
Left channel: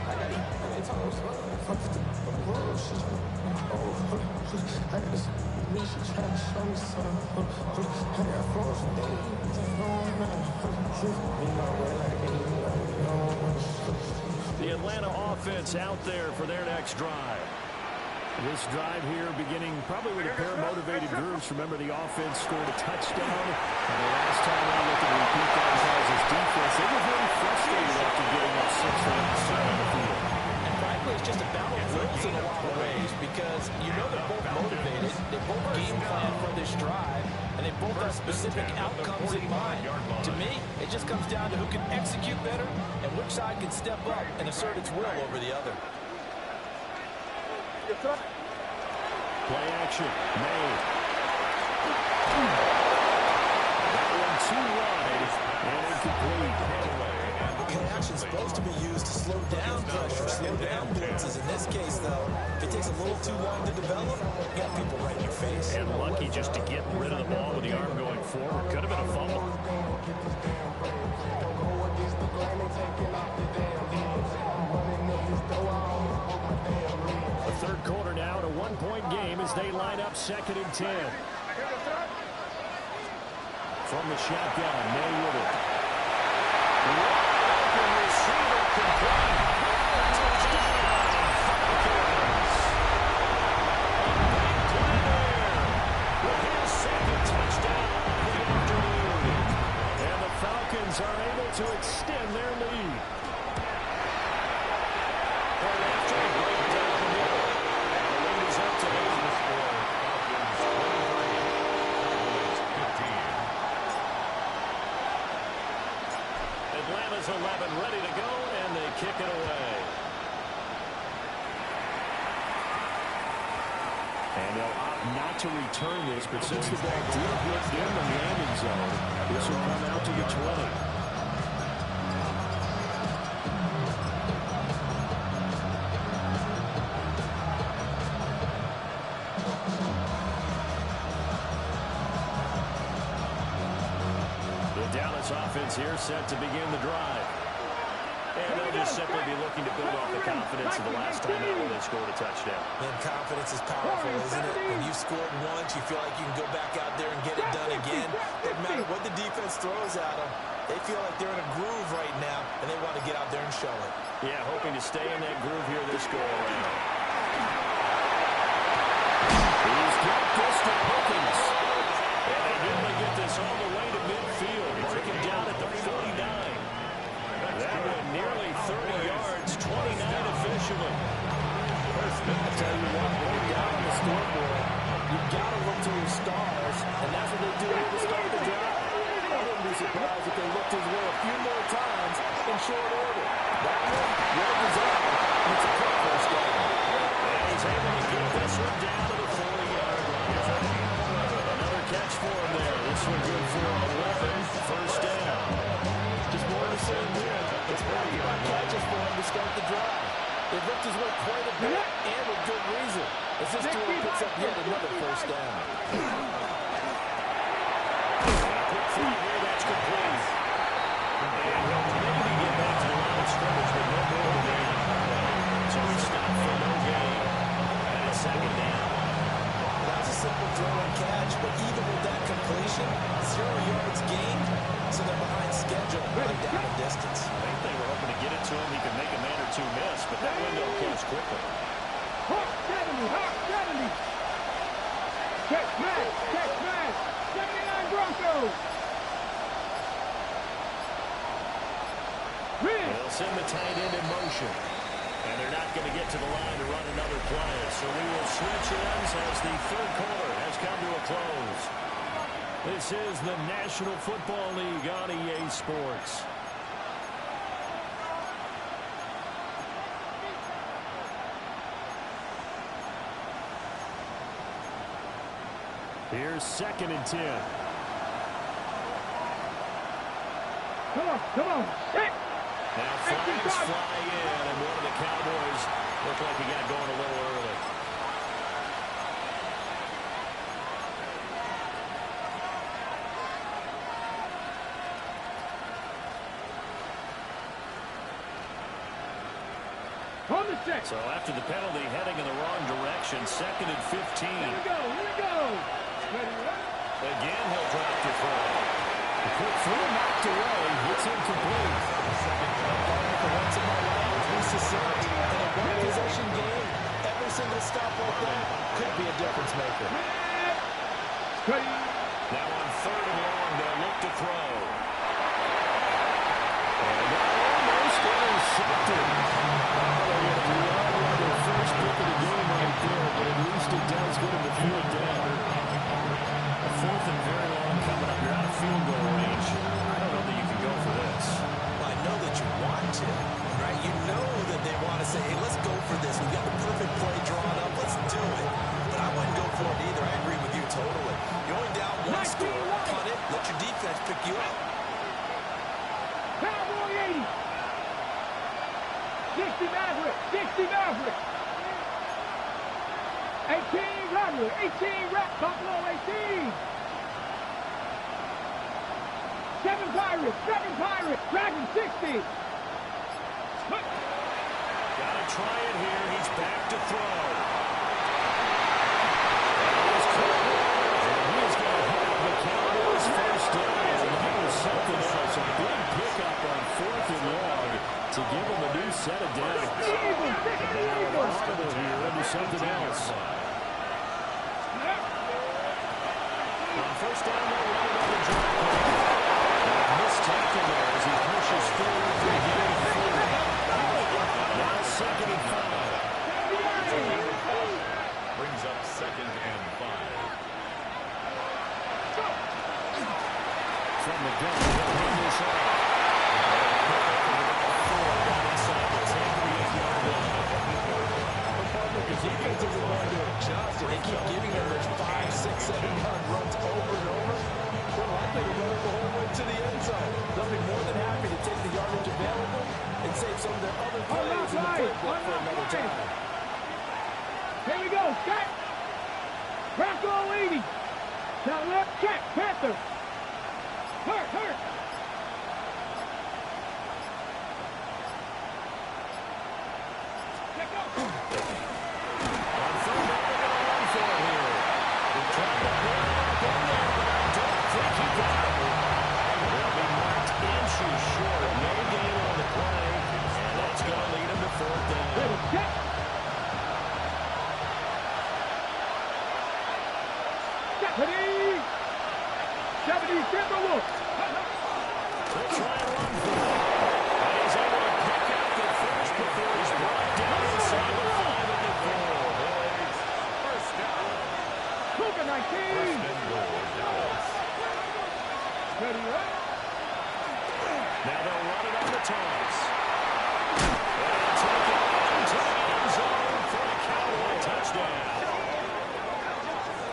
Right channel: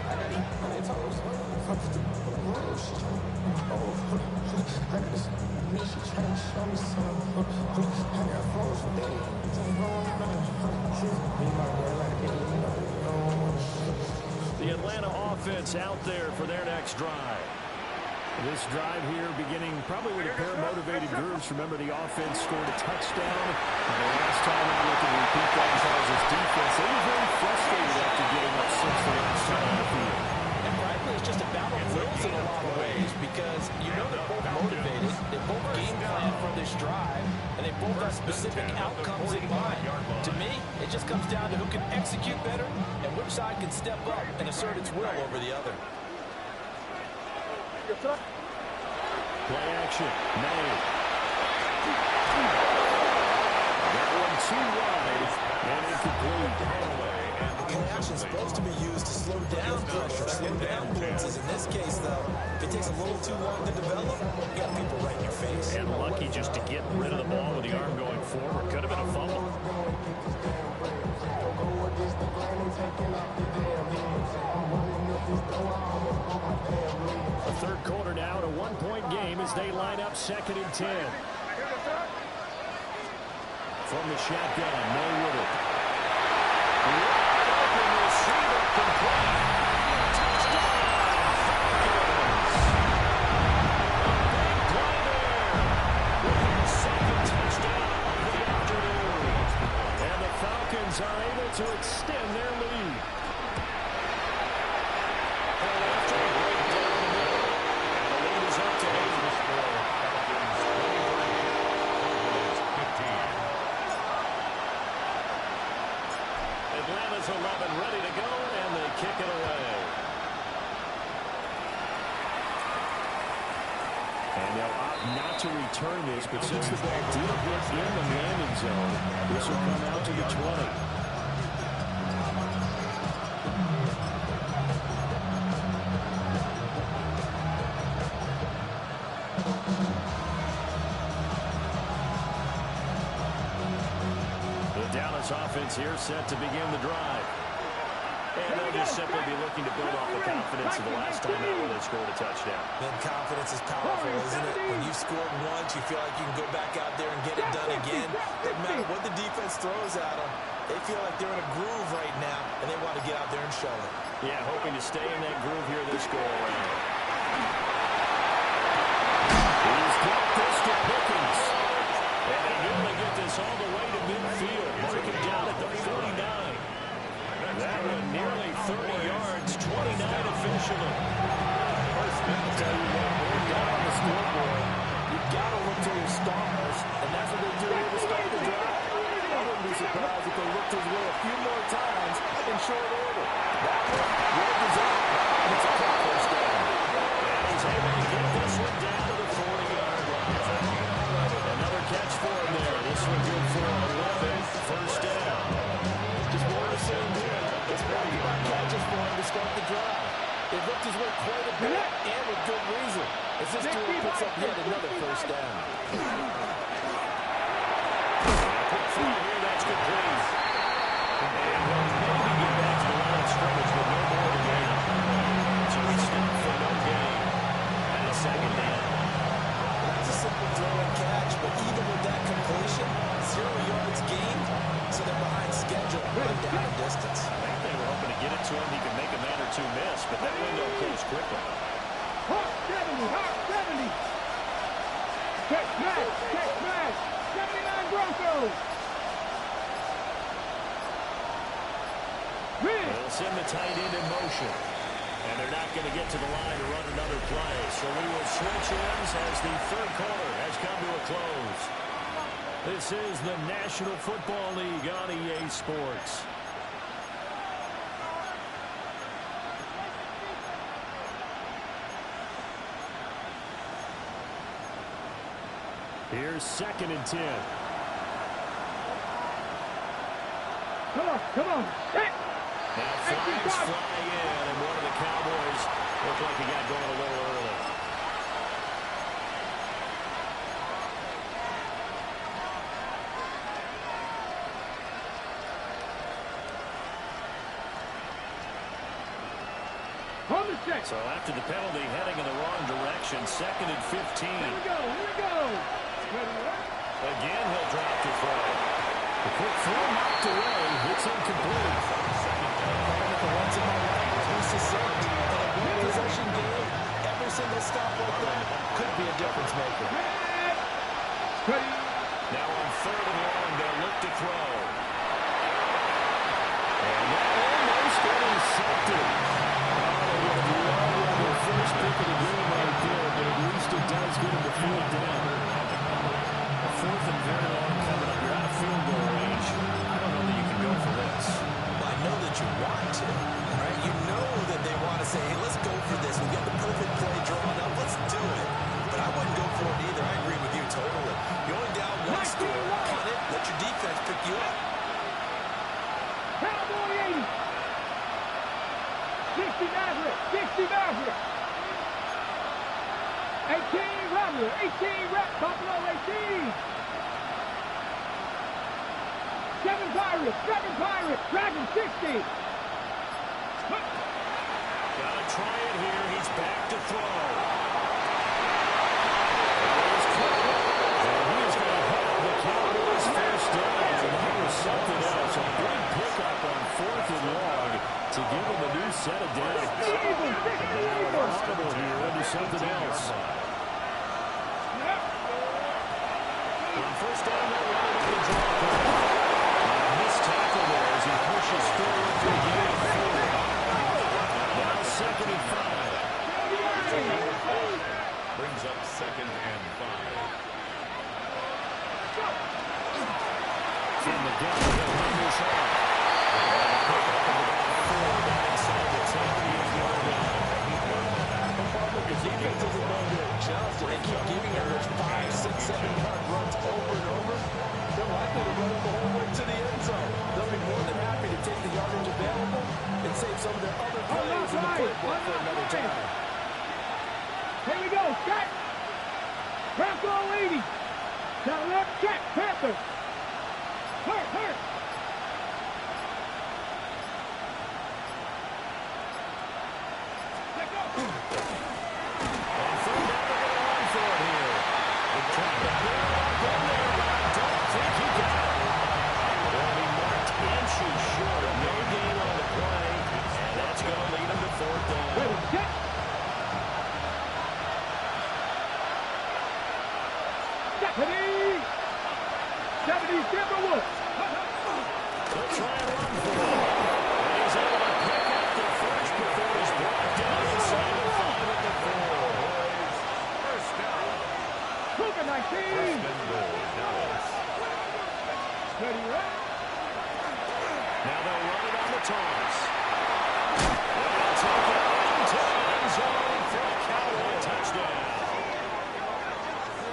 The Atlanta offense out there for their next drive. This drive here beginning probably with a pair of motivated groups. Remember, the offense scored a touchdown. And the last time I look at repeat that Charles' defense, they were very frustrated after getting up 6 the last time on the field. And frankly, it's just a battle of wills in a lot of ways because you know they're both motivated. They both game plan for this drive, and they both have specific outcomes in mind. To me, it just comes down to who can execute better and which side can step up and assert its will over the other. Play action. Made. That one too wide and incomplete. Play action is supposed to be used to slow down pressure, slow down blitzes. In this case, though, if it takes a little too long to develop, you got people right in your face. And lucky just to get rid of the ball with the arm going forward. Could have been a fumble. The third quarter now at a one-point game as they line up 2nd and 10. From the shotgun, May with it. Wide open receiver complete. Touchdown, Falcons. A big play there with his 2nd touchdown of the afternoon. And the Falcons are able to extend their lead. Point after a break down the middle. And the lead is up to 8. Falcons 23. Cowboys 15. Atlanta's 11 ready to go, and they kick it away. And they'll opt not to return this, but since the ball did hit in the landing zone, this will come out to the 20. Dallas offense here set to begin the drive. And they'll just simply be looking to build off the confidence of the last time out when they scored a touchdown. Man, confidence is powerful, isn't it? When you've scored once, you feel like you can go back out there and get it done again. Doesn't matter what the defense throws at them. They feel like they're in a groove right now, and they want to get out there and show it. Yeah, hoping to stay in that groove here this go-around. He's got this to Pickens. And they nearly get this all the way to midfield. Mark him down at the 49. That one nearly 30 yards, 29 officially. I'll tell you what, when you're down on the scoreboard, you've got to look to your stars, and that's what they do here to start the drive. I wouldn't be surprised if they looked his way a few more times in short order. That one, well designed, and it's a quick first down. And he's able to get this one down to the 40-yard line. Another catch for him there. This one good for 11. First down. Just more of the same here. It's back-to-back catches for him to start the drive. They've looked his way quite a bit, and with good reason, as this duo picks up yet another first down. Quick throw here, that's complete. And he'll maybe get back to the line of scrimmage, but no more than that. So he stopped for no gain. And it's 2nd down. That's a simple throw and catch, but even with that completion, 0 yards gained, so they're behind schedule on down and distance. I think they were hoping to get it to him. He could make a man or two miss, but that window closed quickly. Hawk 70, Hawk 70. Check smash, 79 Broncos. They'll send the tight end in motion. And they're not going to get to the line to run another play. So we will switch ends as the third quarter has come to a close. This is the National Football League on EA Sports. Here's 2nd and 10. Come on, set. Now flags fly in, and one of the Cowboys looked like he got going a little early. On the set. So after the penalty, heading in the wrong direction, 2nd and 15. Here we go. Ready, right? Again, he'll drop to throw. The quick throw knocked away. It's incomplete. Partner, for once in my life, let's be succinct. In a one-possession game, every single stop like that could be a difference maker. Ready. Now on 3rd and long, they'll look to throw. And that almost intercepted. Oh, they would have loved their first pick of the game right there, but at least it does get them the field down. A 4th and very long coming up. You're out of field goal range. I don't know that you can go for this. Well, I know that you want to, right? You know that they want to say, hey, let's go for this. We've got the perfect play drawn up. Let's do it. But I wouldn't go for it either. I agree with you totally. You're only down one score. Punt it. Let your defense pick you up. Cowboy 80. 60 Maverick. 60 Maverick. 18 Rattler. 18 Buffalo 18. 7 Pirates. 7 Pirates. Dragon 60. Gotta try it here. He's back to throw. That is caught. And he is going to have the Cowboys first down. And that was something else. A big pickup on 4th and long to give him a new set of downs. Now an audible here into something else. On 1st down, they'll run it on the draw play. And a missed tackle there as he pushes forward for a gain of 4. Now 2nd and 5. Brings up 2nd and 5. From the gun, he'll hand this off. And a pick up of about 4 down inside the 10-yard line. The defense isn't going to adjust. They keep giving them those 5, 6, 7-yard runs over and over. They're likely to run it the whole way to the end zone. They'll be more than happy to take the yardage available and save some of their other plays in the playbook for another time. Here we go. Set. Bronco 80. Down left. Check. Panther. Hurt. Let go. On 3rd down, they're going to run for it here. They tried to pull it up in there, but I don't think he got it. They'll be marked inches short. No gain on the play, and that's going to lead them to 4th down. Ready, set. Deputy. 70 Timberwolves. They'll try and run for it. And he's able to pick up the first before he's brought down inside the 5 at the 4. First down. Cougar 19. First and goal, Dallas. Ready, right? Now they'll run it on the toss. And he'll take it into the end zone for a Cowboy touchdown.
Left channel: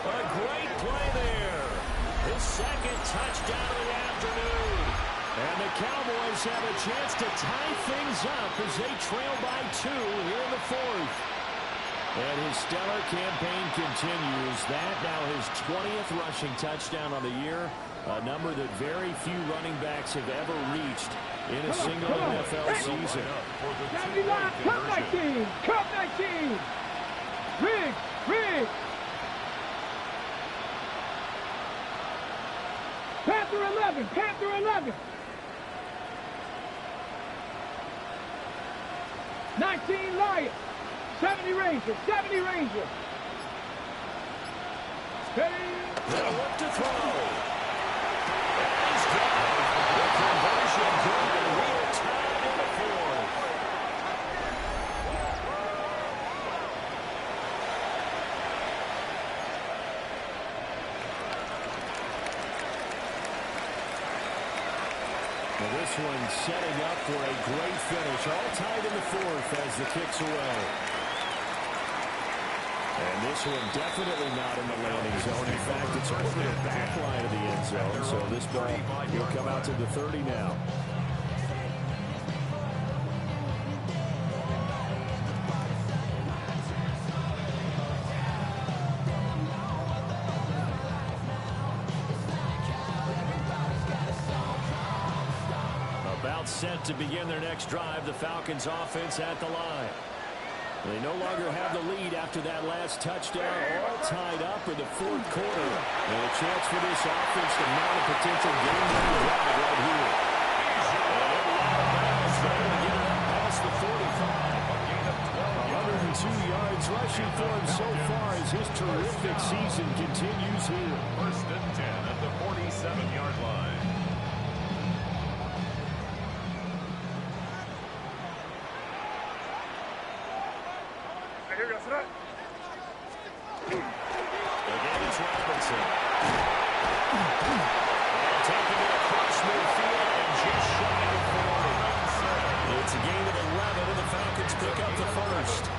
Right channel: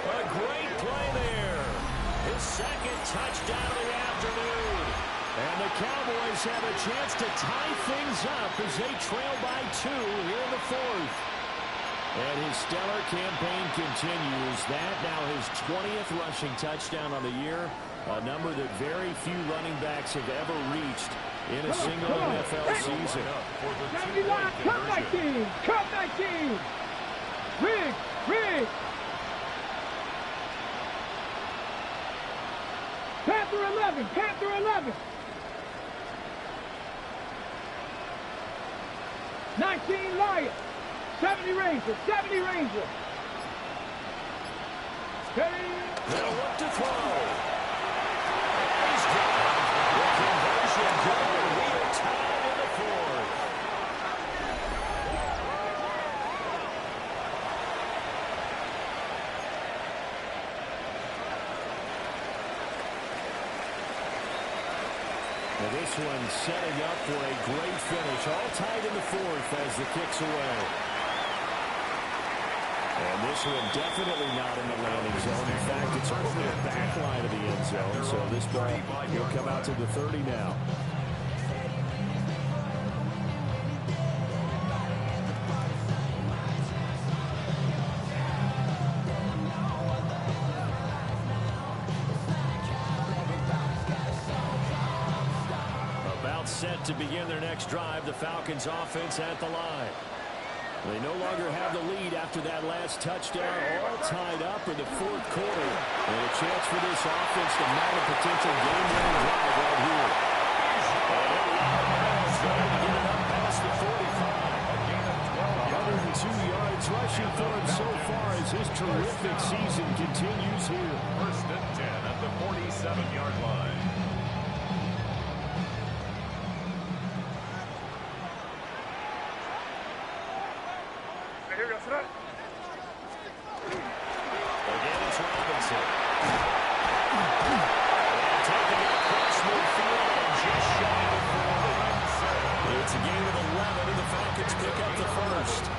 A great play there. His 2nd touchdown of the afternoon. And the Cowboys have a chance to tie things up as they trail by 2 here in the 4th. And his stellar campaign continues. That now his 20th rushing touchdown on the year, a number that very few running backs have ever reached in a single NFL season. For the 79, two-point Cup conversion. 19, Cup 19. Riggs. Panther 11. 19 Lions. 70 Ranger. Steady. They'll look to throw. And he's got it. The conversion good. We are tied in the 4th. Now this one setting up for a great finish. All tied in the 4th as the kick's away. And this one definitely not in the landing zone. In fact, it's over the back line of the end zone. So this ball will come out to the 30 now. About set to begin their next drive. The Falcons offense at the line. They no longer have the lead after that last touchdown, all tied up in the fourth quarter. And a chance for this offense to mount a potential game-winning drive right here. And every out of bounds, able to get it up past the 45. A gain of 12 102 yards rushing for him so far as his terrific season continues here. First and 10 at the 47-yard line. Again, it's Robinson. And taking it across midfield and just shy of 40. It's a gain of 11, and the Falcons pick up the first.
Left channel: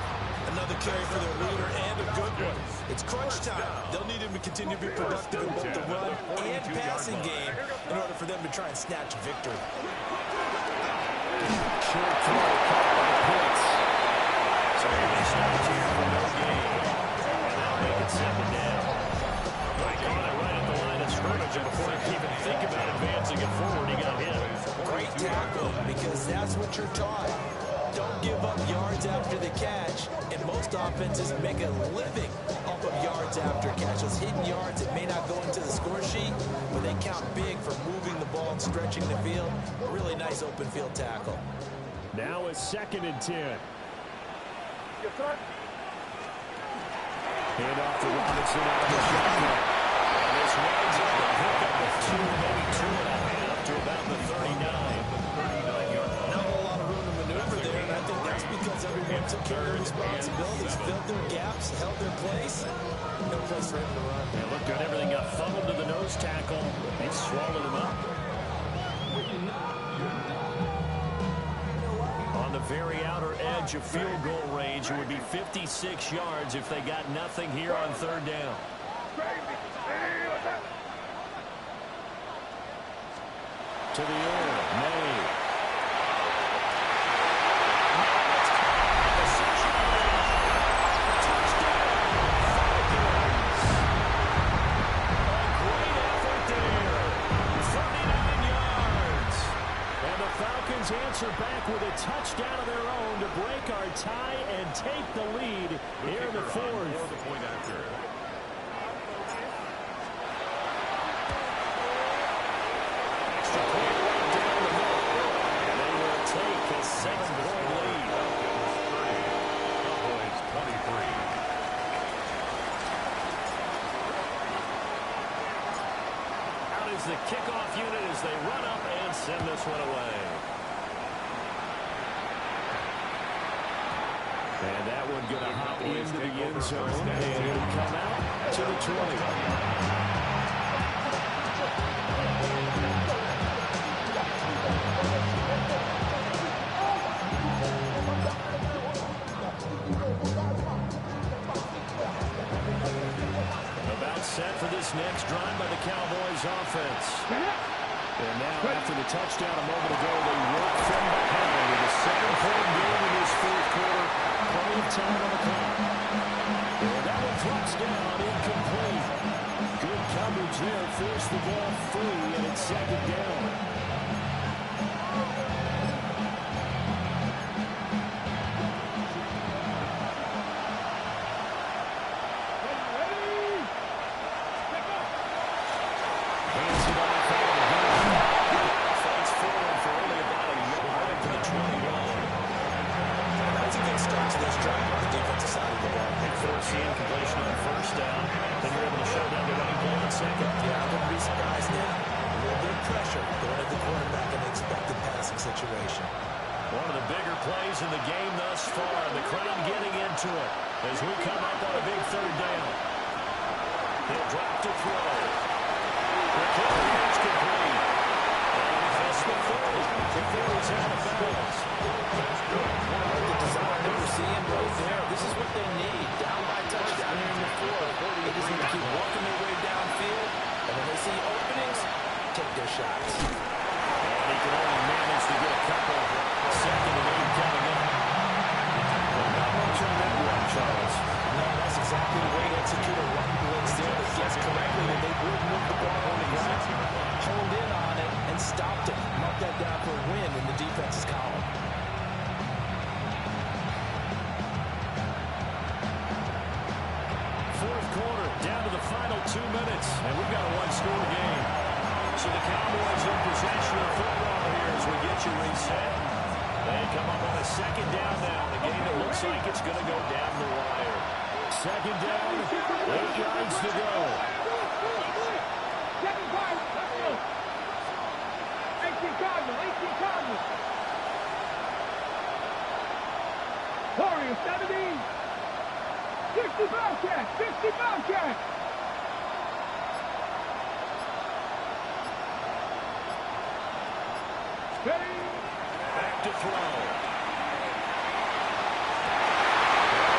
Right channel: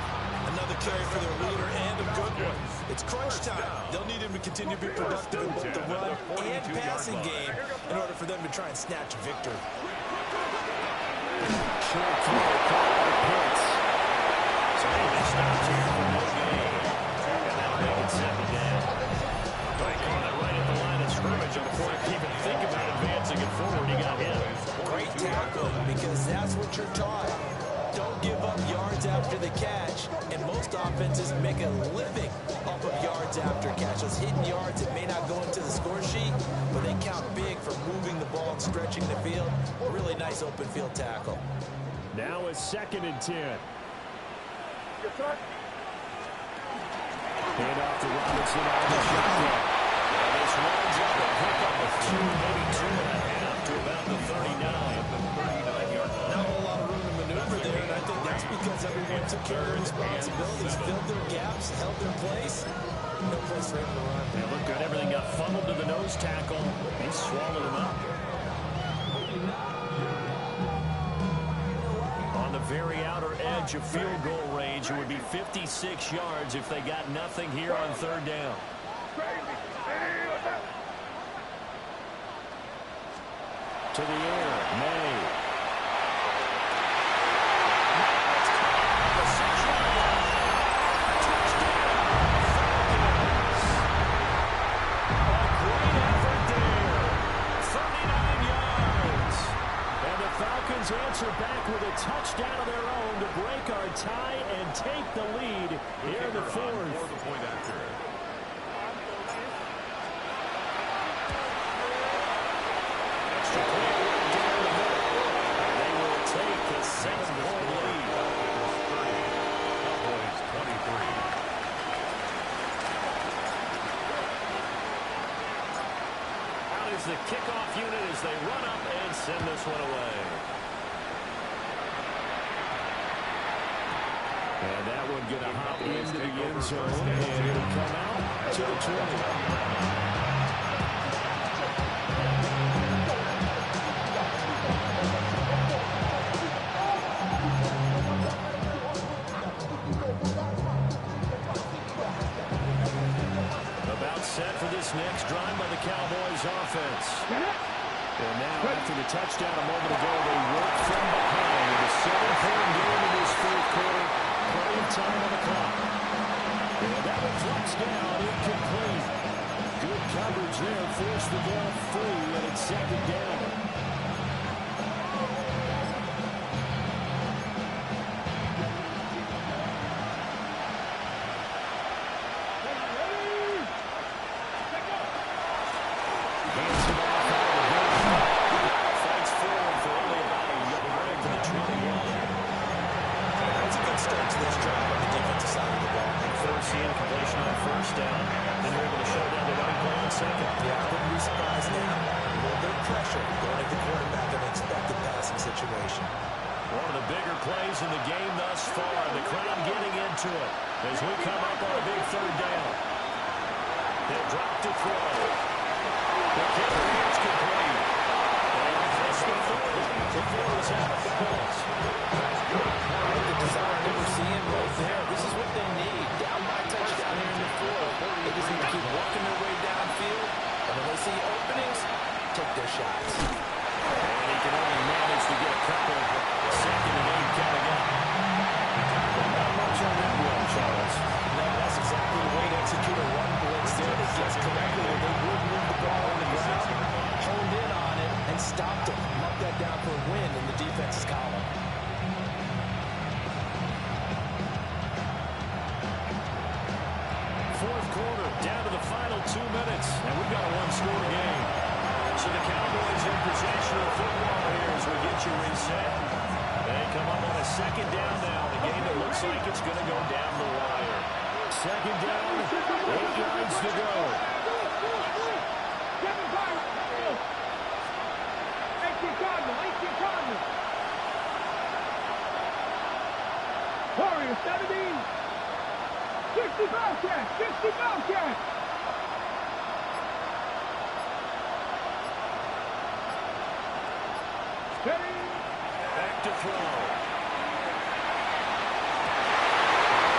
Another carry for their leader, and a good one. It's crunch time. They'll need him to continue to be productive in both the run and passing game in order for them to try and snatch victory. Short throw caught by Pitts. So he stops here for no gain. And that'll make it 2nd down. They caught it right at the line of scrimmage, and before he could even think about advancing it forward, he got hit. Great tackle, because that's what you're taught. Don't give up yards after the catch, and most offenses make a living off of yards after catch. Those hidden yards that may not go into the score sheet, but they count big for moving the ball and stretching the field. Really nice open field tackle. Now it's 2nd and 10. Hand off to Robinson out of the shotgun. And this runs up a pickup of 2, maybe 2.5 to about the 39. Not a whole lot of room to maneuver there, and I think that's because everyone took care of their responsibilities, filled their gaps, held their place. No place for him to run. They look good. Everything got funneled to the nose tackle. He swallowed him up. On the very outer edge of field goal range, it would be 56 yards if they got nothing here on 3rd down. To the air, May. Touchdown, Falcons. A great effort there. 39 yards. And the Falcons answer back with a touchdown of their own to break our tie and take the lead here in the 4th. For the point after. Extra point right down the middle. And they will take a 7-point lead. Falcons 30, Cowboys 23. Out is the kickoff unit as they run up and send this one away. And that one going to hop into the end zone, and it'll come out to the 20. About set for this next drive by the Cowboys offense. And now, after the touchdown a moment ago, they work from behind with a 7-point game in this 4th quarter. Plenty of time on the clock. And that one drops down, incomplete. Good coverage there, forced the ball free, and it's 2nd down. Hands it off out of the game. Fights forward for only about a yard right to the 21. That's a good start to this drive on the defensive side of the ball. And forcing completion on 1st down. Then you're able to shut down the running play on 2nd. Yeah, I wouldn't be surprised now. A little bit of pressure going at the quarterback in an expected passing situation. One of the bigger plays in the game thus far. The crowd getting into it as we come up on a big 3rd down. They'll drop to throw. The carry is complete. And just before the field is out of bounds. That's good. The desire that we're seeing right there. This is what they need. Down by touchdown see openings, take their shots. And he can only manage to get a couple. 2nd and 8 coming up. Not much on that one, Charles. No, that's exactly the way to execute a run blitz there. They guessed correctly that they would move the ball on the ground, honed in on it, and stopped them. Mark that down for a win in the defense's column. Fourth quarter, down to the final 2 minutes, and we've got a one-score game. So the Cowboys in possession of the football here as we get you reset. They come up on a 2nd down now in a game that looks like it's going to go down the wire. 2nd down, 8 yards to go. 18 Cardinal, 18 Cardinal. Warriors 70. 60 Bobcats, 60 Bobcats. Steady. Back to throw.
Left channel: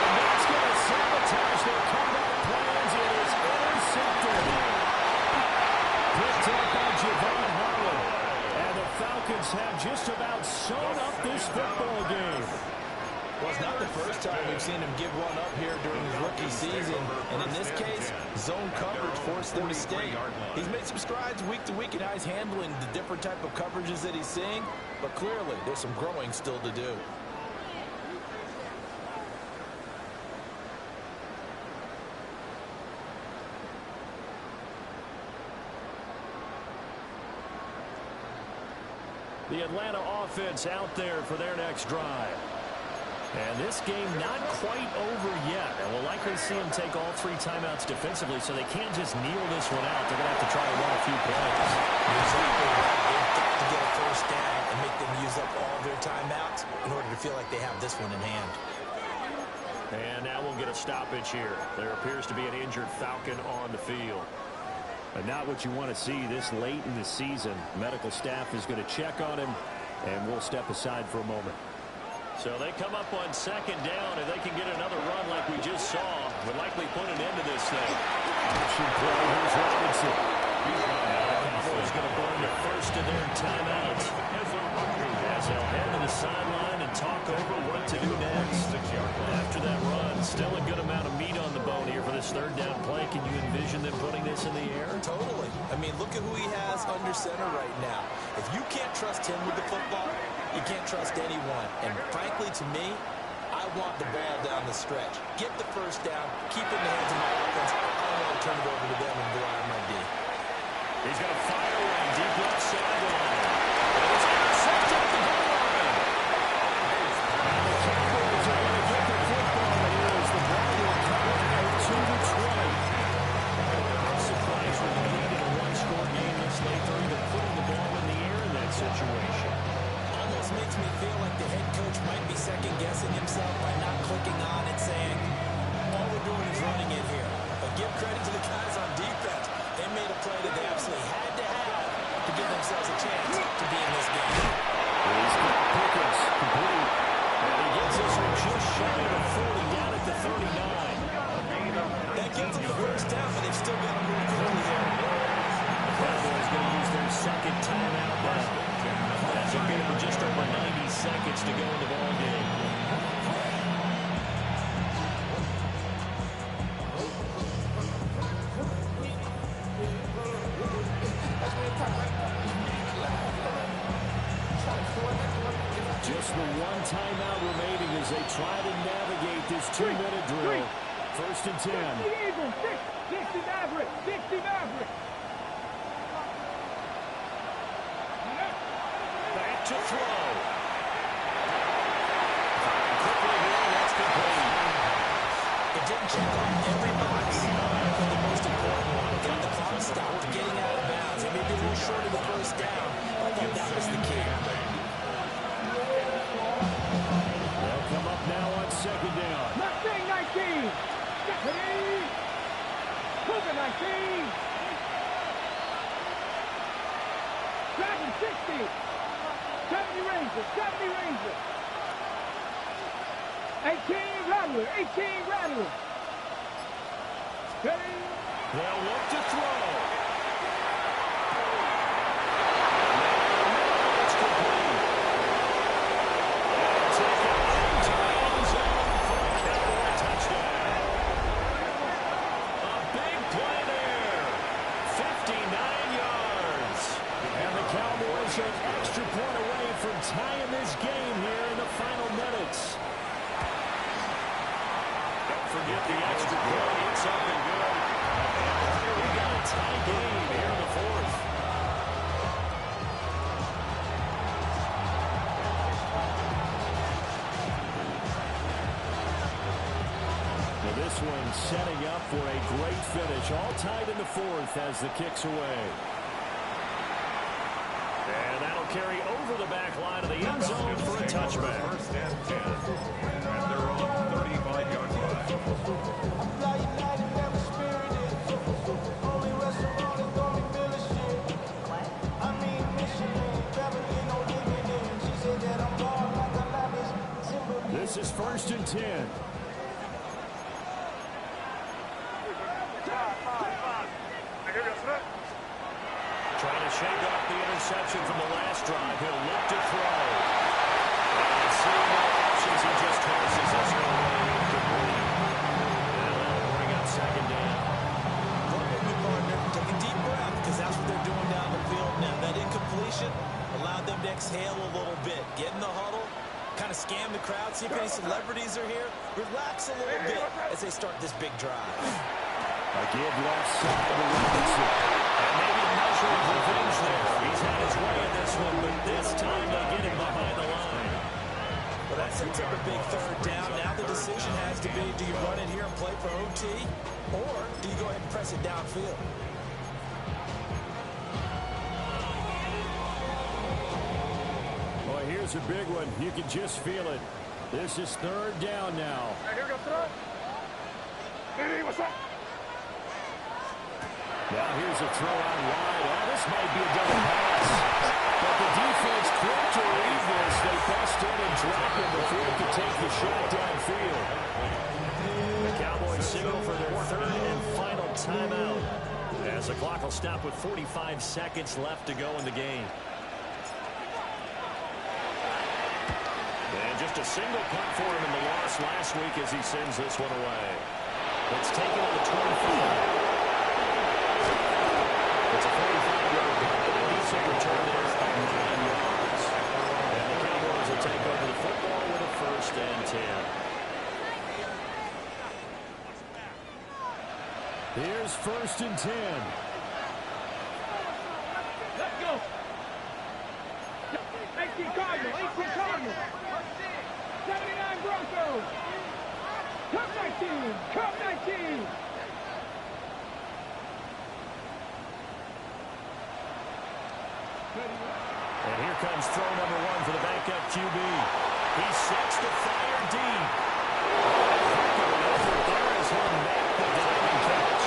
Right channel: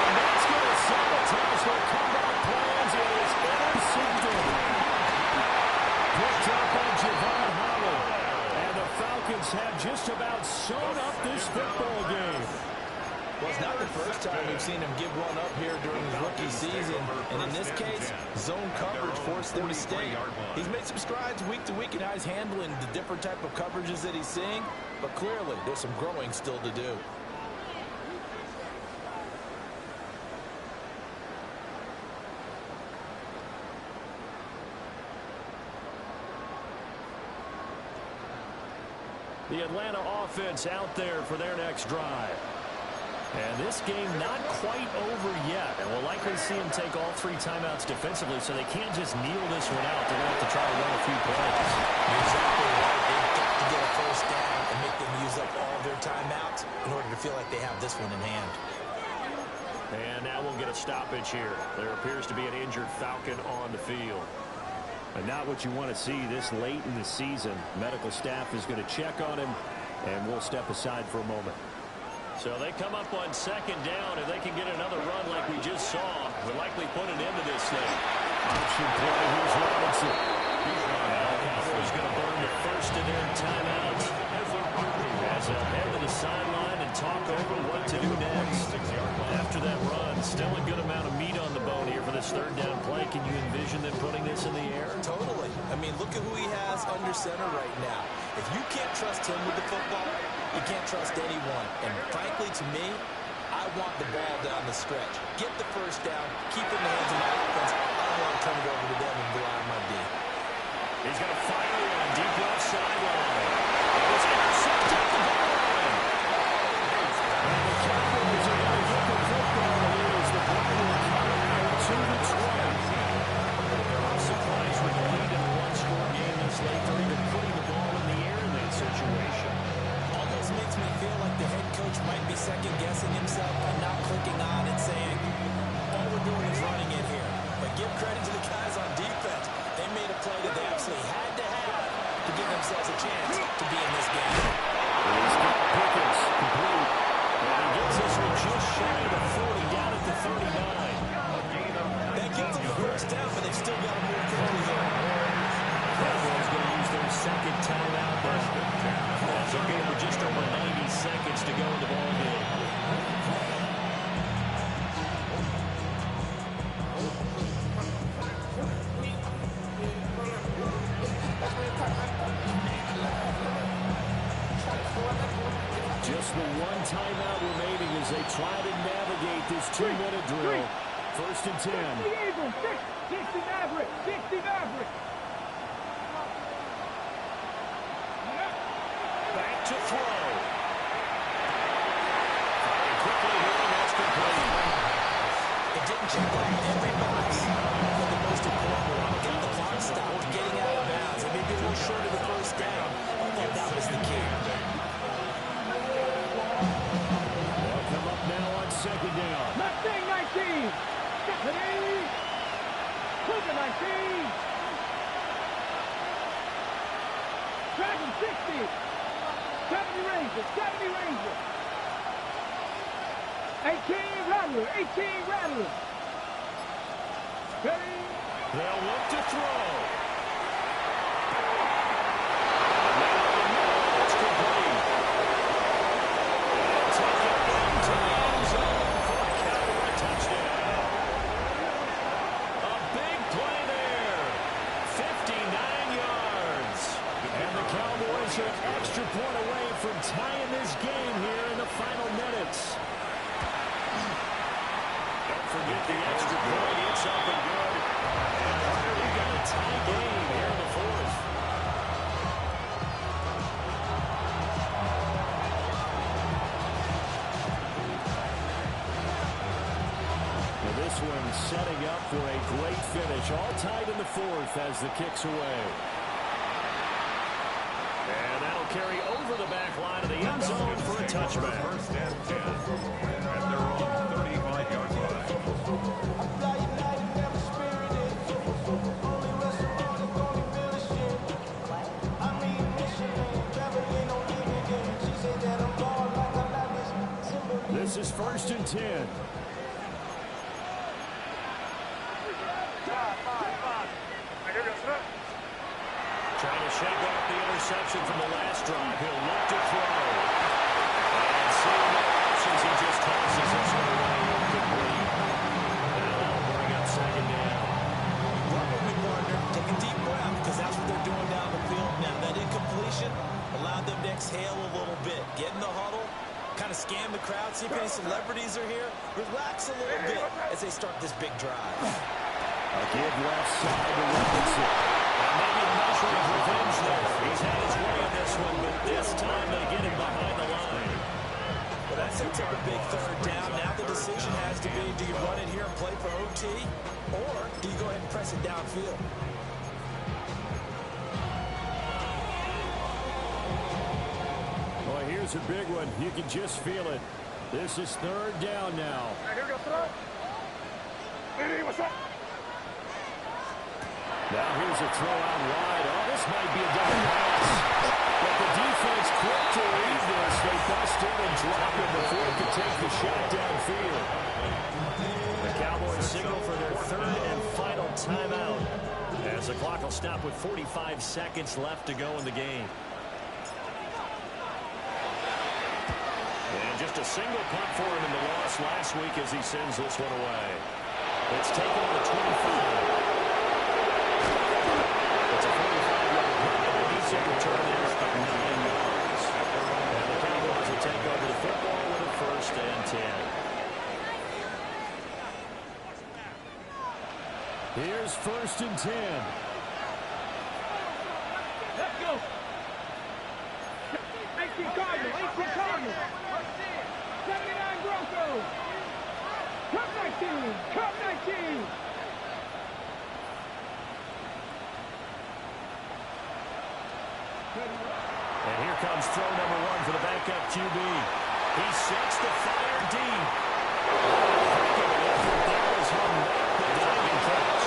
And that's going to sabotage their comeback plans. It is intercepted. Picked up by Javon Holland. And the Falcons have just about sewn up this football game. Well, it's not the first time we've seen him give one up here during his rookie season. And in this case, zone coverage forced them to stay. He's made some strides week to week in how he's handling the different type of coverages that he's seeing. But clearly, there's some growing still to do. The Atlanta offense out there for their next drive. And this game not quite over yet. And we'll likely see them take all 3 timeouts defensively, so they can't just kneel this one out. They're going to have to try to run a few plays. You're exactly right. They've got to get a first down and make them use up all their timeouts in order to feel like they have this one in hand. And now we'll get a stoppage here. There appears to be an injured Falcon on the field. And not what you want to see this late in the season. Medical staff is going to check on him, and we'll step aside for a moment. So they come up on 2nd down. If they can get another run like we just saw, would likely put an end to this thing. Option play. Here's Robinson. Now the Cowboys going to burn the first of their timeouts as they'll head to the sideline and talk over what to do next. After that run, still a good amount of meat on the bone here for this 3rd down play. Can you envision them putting this in the air? Totally. I mean, look at who he has under center right now. If you can't trust him with the football, you can't trust anyone. And frankly, to me, I want the ball down the stretch. Get the first down, keep it in the hands of my offense. I don't want to turn it over to them and rely on my D. He's going to fire one deep left sideline. It was intercepted at the goal line. And the Cowboys are going to get the football here as the ball will come out to the 20. I'm surprised with the lead in a one-score game this late. They're even putting the ball in the air in that situation. Almost makes me feel like the head coach might be second-guessing himself by not clicking on and saying, all we're doing is running it here. But give credit to the guys on defense. They made a play that they absolutely had to have to give themselves a chance to be in this game. He's got Pickens complete. And he gets this one just shy of the 40, down at the 39. That gives them the first down, but they've still got to move quickly here. The Cowboys going to use their 2nd timeout now. That's a game with just over 90 seconds to go in the ball game. Just the one timeout remaining as they try to navigate this 2-minute drill. 1st and 10. 60 Eagles, 60 Mavericks, 60 Mavericks. Back to throw. Firing quickly here, and that's complete. It didn't check off every box, but the most important one, got the clock stopped, getting out of bounds. It may be a little short of the first down, but I thought that was the key. They'll come up now on 2nd down. Mustang 19. Stephanie. Cougar 19. Dragon 60. 70 Rangers, 70 Rangers. 18 Rattler, 18 Rattler. Steady. They'll look to throw. Falcons are an extra point away from tying this game here in the final minutes. Don't forget the extra point. It's up and good. And here we got a tie game here in the fourth. Now this one setting up for a great finish. All tied in the fourth as the kick's away. And that'll carry over the back line of the end zone for a touchback. First and 10. And they're on 35-yard line. This is 1st and 10. Trying to shake off the interception from the last drive. He'll look to throw. And seeing no options, he just tosses this one away incomplete. Now that'll bring up 2nd down. Run with me, partner. Take a deep breath, because that's what they're doing down the field now. That incompletion allowed them to exhale a little bit. Get in the huddle, kind of scan the crowd, see if any celebrities are here. Relax a little bit as they start this big drive. A give left side to Robinson. And maybe a measure of revenge there. He's had his way in this one, but this time they get him behind the line. But that sets up a big 3rd down. Now the decision has to be, do you run it here and play for OT, or do you go ahead and press it downfield? Boy, here's a big one. You can just feel it. This is 3rd down now. Here we go, throw. Hey, what's up? Now here's a throw out wide. Oh, this might be a double pass. But the defense quick to read this. They bust in and drop it before it could take the shot downfield. The Cowboys signal for their 3rd and final timeout, as the clock will stop with 45 seconds left to go in the game. And just a single punt for him in the loss last week as he sends this one away. It's taken on the 25. It's a 45-yard punt and a decent return there of 9 yards. And the Cowboys will take over the football with a 1st and 10. Here's 1st and 10. Let's go. 18 Cardinals, 18 Cardinals. 79 Broncos. Cup 19, Cup 19. And here comes throw number 1 for the backup QB. He sets the fire deep. Heck of an effort there as he'll make the diving catch.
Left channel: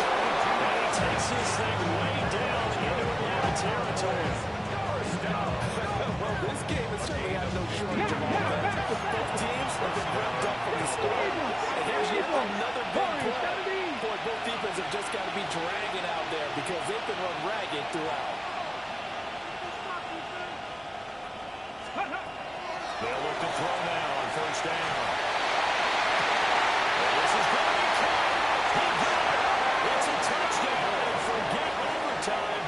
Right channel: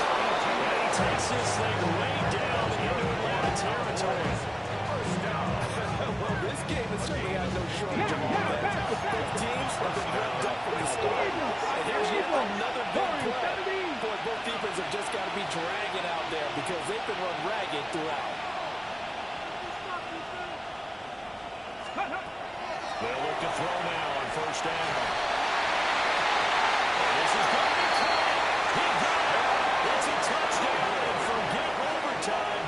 And he takes this thing way down into Atlanta territory. Well, this game has certainly had no shortage of offense. Both teams have been revved up from the start. And here's yet another big play. Boy, both defenses have just got to be dragging out there because they've been run ragged throughout. They'll look to throw now on 1st down. And this is going to be caught. He got it. It's a touchdown, and forget overtime.